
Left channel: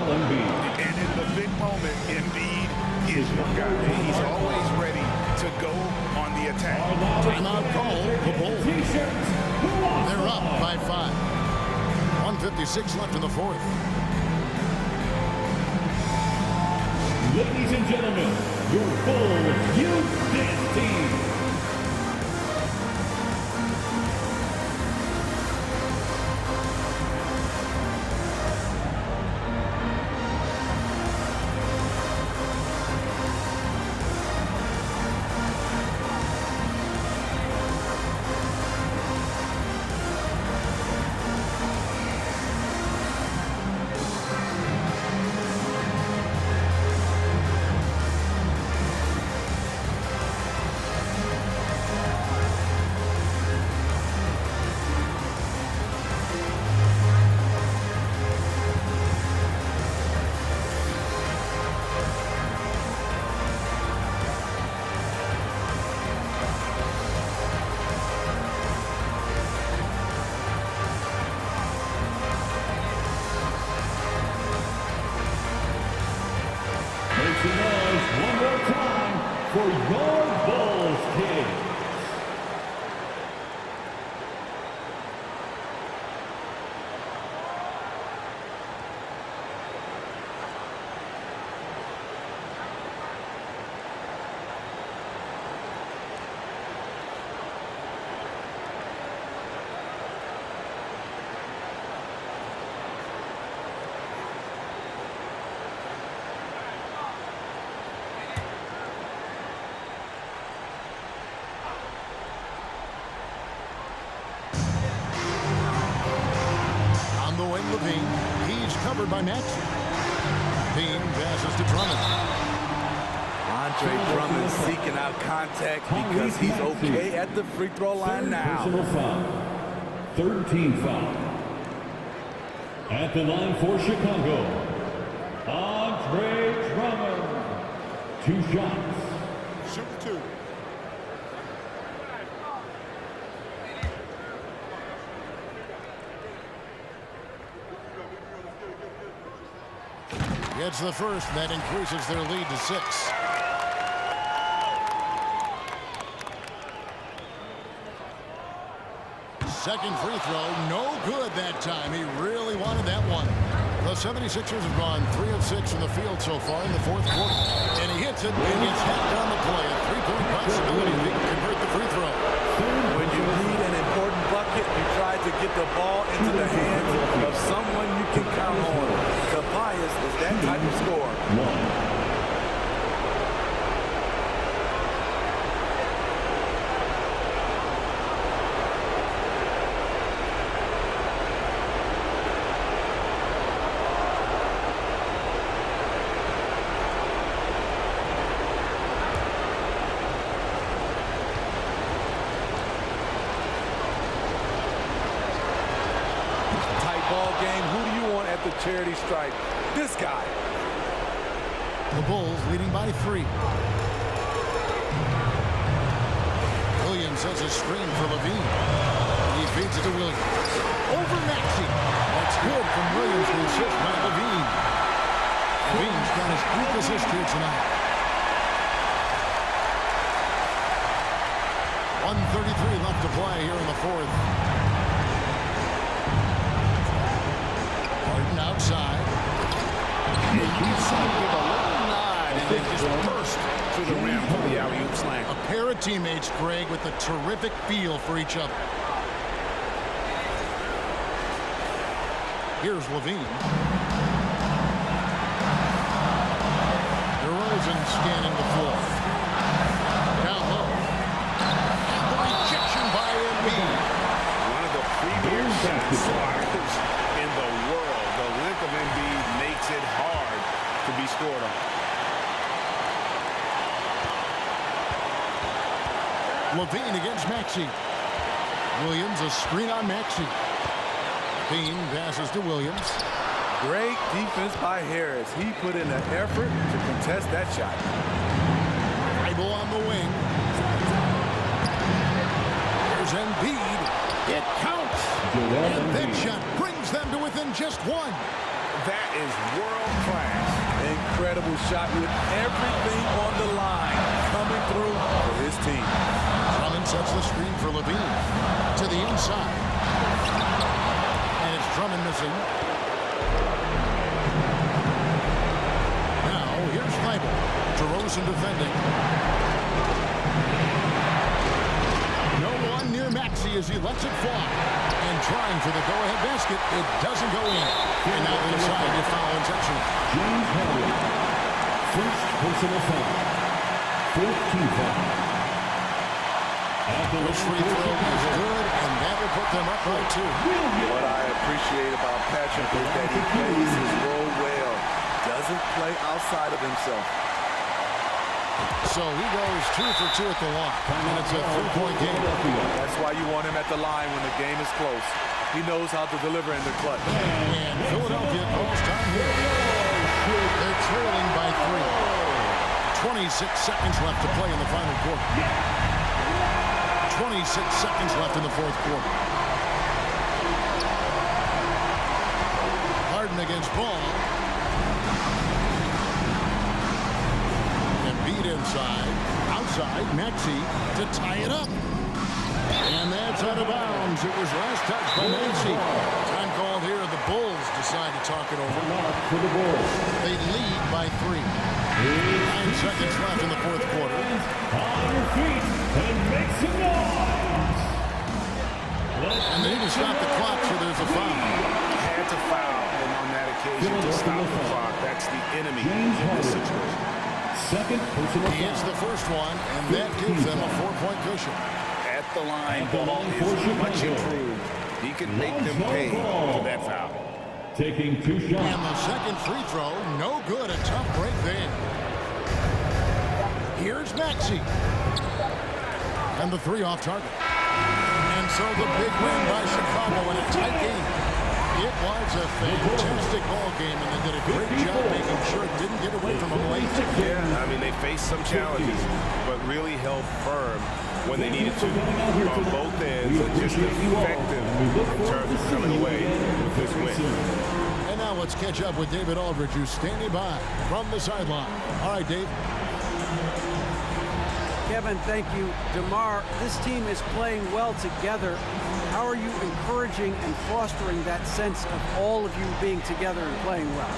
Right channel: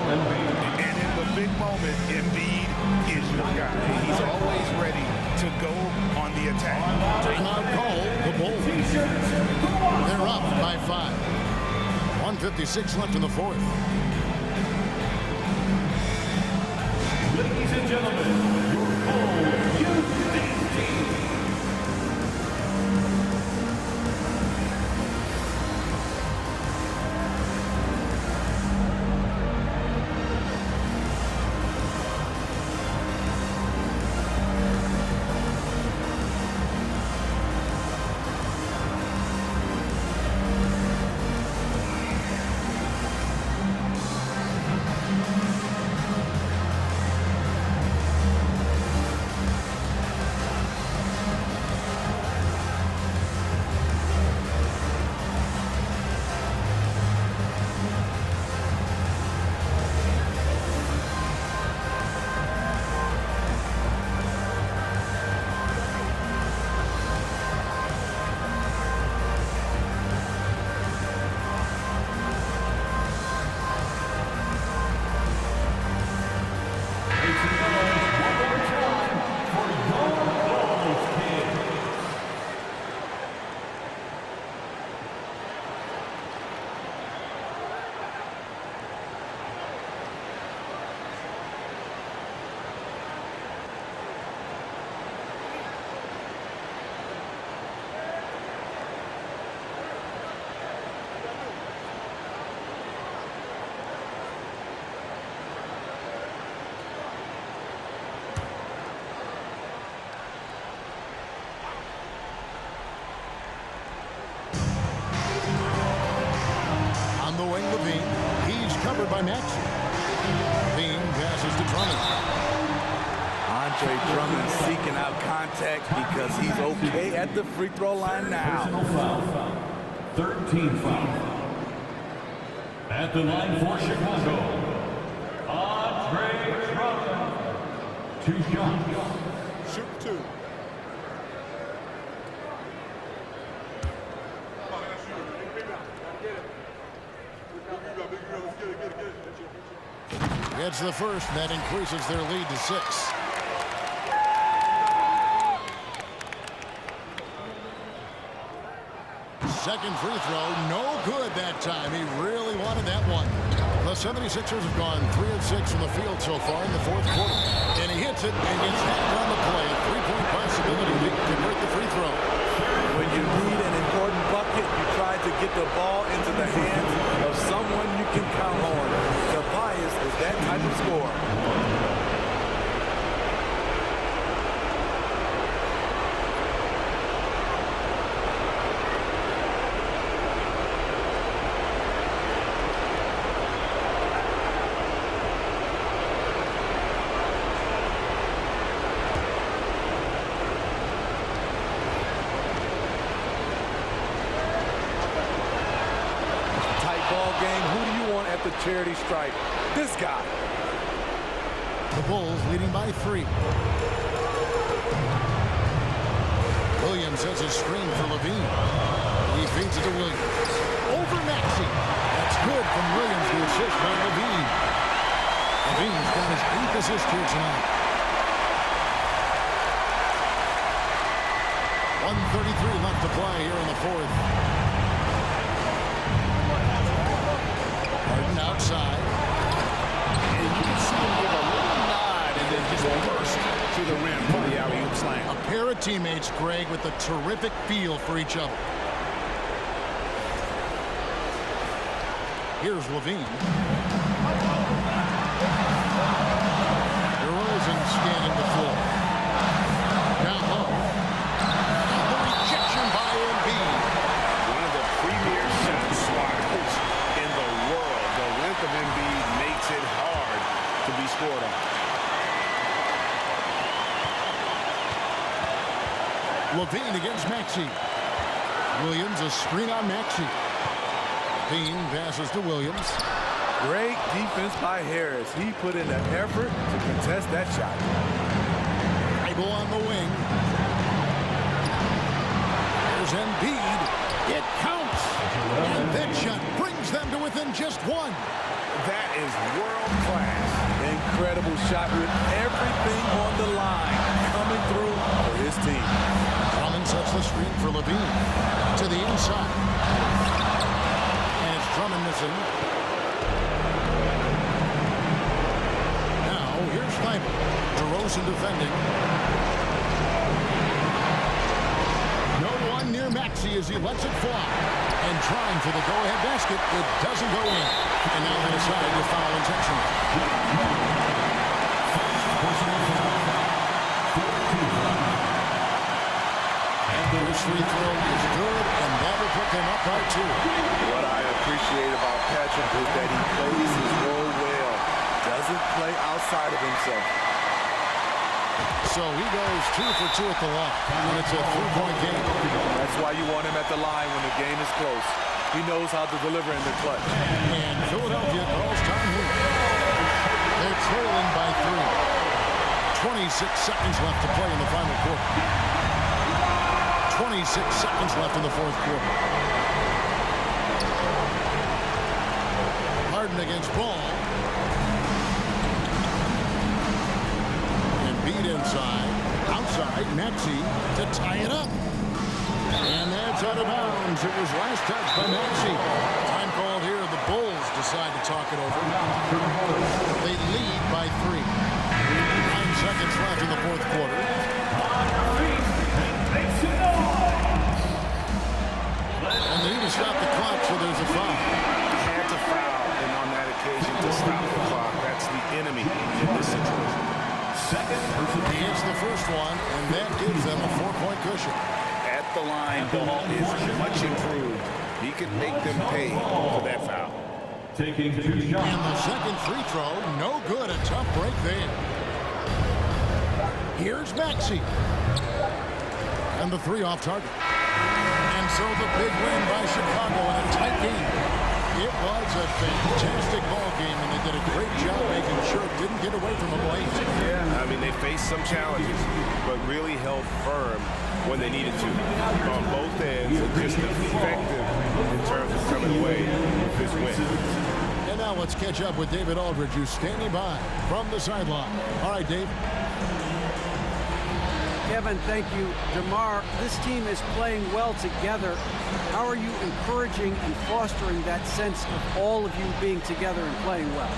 And in the big moment, Embiid is your guy. He's always ready to go on the attack. Timeout call, the Bulls. They're up by 5. 1:56 left in the 4th. Ladies and gentlemen, your Bulls youth dance team. On the wing, Levine. He's covered by Maxey. Levine passes to Drummond. Andre Drummond seeking out contact because he's okay at the free throw line now. Personal foul. Third team foul. At the line for Chicago, Andre Drummond. 2 shots. Shoot 2. Gets the first, and that increases their lead to 6. Second free throw, no good that time. He really wanted that one. The 76ers have gone 3 of 6 from the field so far in the fourth quarter. And he hits it and gets hacked on the play. A 3-point possibility if he can convert the free throw. When you need an important bucket, you try to get the ball into the hands of someone you can count on. Tobias is that type of scorer. Ball game. Who do you want at the charity stripe? This guy. The Bulls leading by 3. Williams has a screen for Levine. He feeds it to Williams. Over Maxey. That's good from Williams. The assist by Levine. Levine's got his 8th assist here tonight. 1:33 left to play here in the fourth. Outside. And you can see him give a little nod and then just burst to the rim for the alley-oop slam. A pair of teammates, Greg, with a terrific feel for each other. Here's Levine. DeRozan scanning the floor. Down low. And the rejection by Embiid. One of the premier shot swatters in the world. The length of Embiid makes it hard to be scored on. Levine against Maxey. Williams, a screen on Maxey. Levine passes to Williams. Great defense by Harris. He put in the effort to contest that shot. Bible on the wing. Here's Embiid. It counts. And that shot brings them to within just 1. That is world class. Incredible shot with everything on the line coming through for his team. Drummond sets the screen for Levine to the inside. And it's Drummond missing. Now here's Thibault. DeRozan defending. No one near Maxey as he lets it fly. And trying for the go-ahead basket, it doesn't go in. And now they decide to foul intentionally. James Harden. First personal foul. 14th foul. This free throw is good, and that will put them up by 2. What I appreciate about Patrick is that he plays his role well. Doesn't play outside of himself. So he goes 2 for 2 at the line, and it's a 3-point game. That's why you want him at the line when the game is close. He knows how to deliver in the clutch. And Philadelphia calls time here. They're trailing by 3. 26 seconds left to play in the final quarter. 26 seconds left in the fourth quarter. Harden against Ball. Embiid inside. Outside, Maxey to tie it up. And that's out of bounds. It was last touched by Maxey. Time called here. The Bulls decide to talk it over. They lead by 3. 9 seconds left in the fourth quarter. On your feet and make some noise. And they need to stop the clock, so there's a foul. Had to foul, and on that occasion to stop the clock. That's the enemy in this situation. He hits the first one, and that gives them a 4-point cushion. At the line, Ball is much improved He can make them pay for that foul. Taking 2 shots. And the second free throw, no good. A tough break there. Here's Maxey. And the 3 off target. And so the big win by Chicago in a tight game. It was a fantastic ball game, and they did a great job making sure it didn't get away from them late. Yeah, I mean, they faced some challenges, but really held firm when they needed to on both ends, and just effective in terms of coming away with this win. And now let's catch up with David Aldridge, who's standing by from the sideline. All right, Dave. Kevin, thank you. DeMar, this team is playing well together. How are you encouraging and fostering that sense of all of you being together and playing well?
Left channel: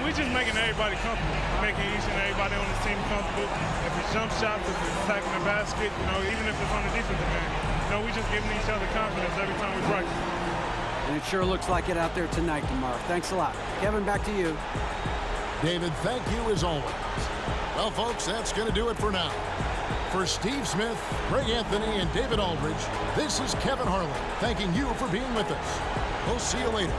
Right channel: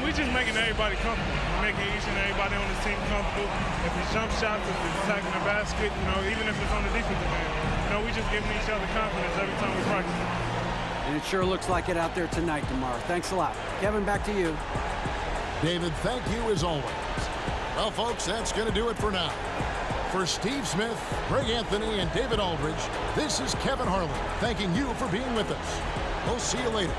We're just making everybody comfortable. We're making each and everybody on this team comfortable. If it's jump shots, if it's attacking the basket, even if it's on the defensive end, we're just giving each other confidence every time we practice. And it sure looks like it out there tonight, DeMar. Thanks a lot. Kevin, back to you. David, thank you as always. Well, folks, that's going to do it for now. For Steve Smith, Greg Anthony, and David Aldridge, this is Kevin Harlan thanking you for being with us. We'll see you later.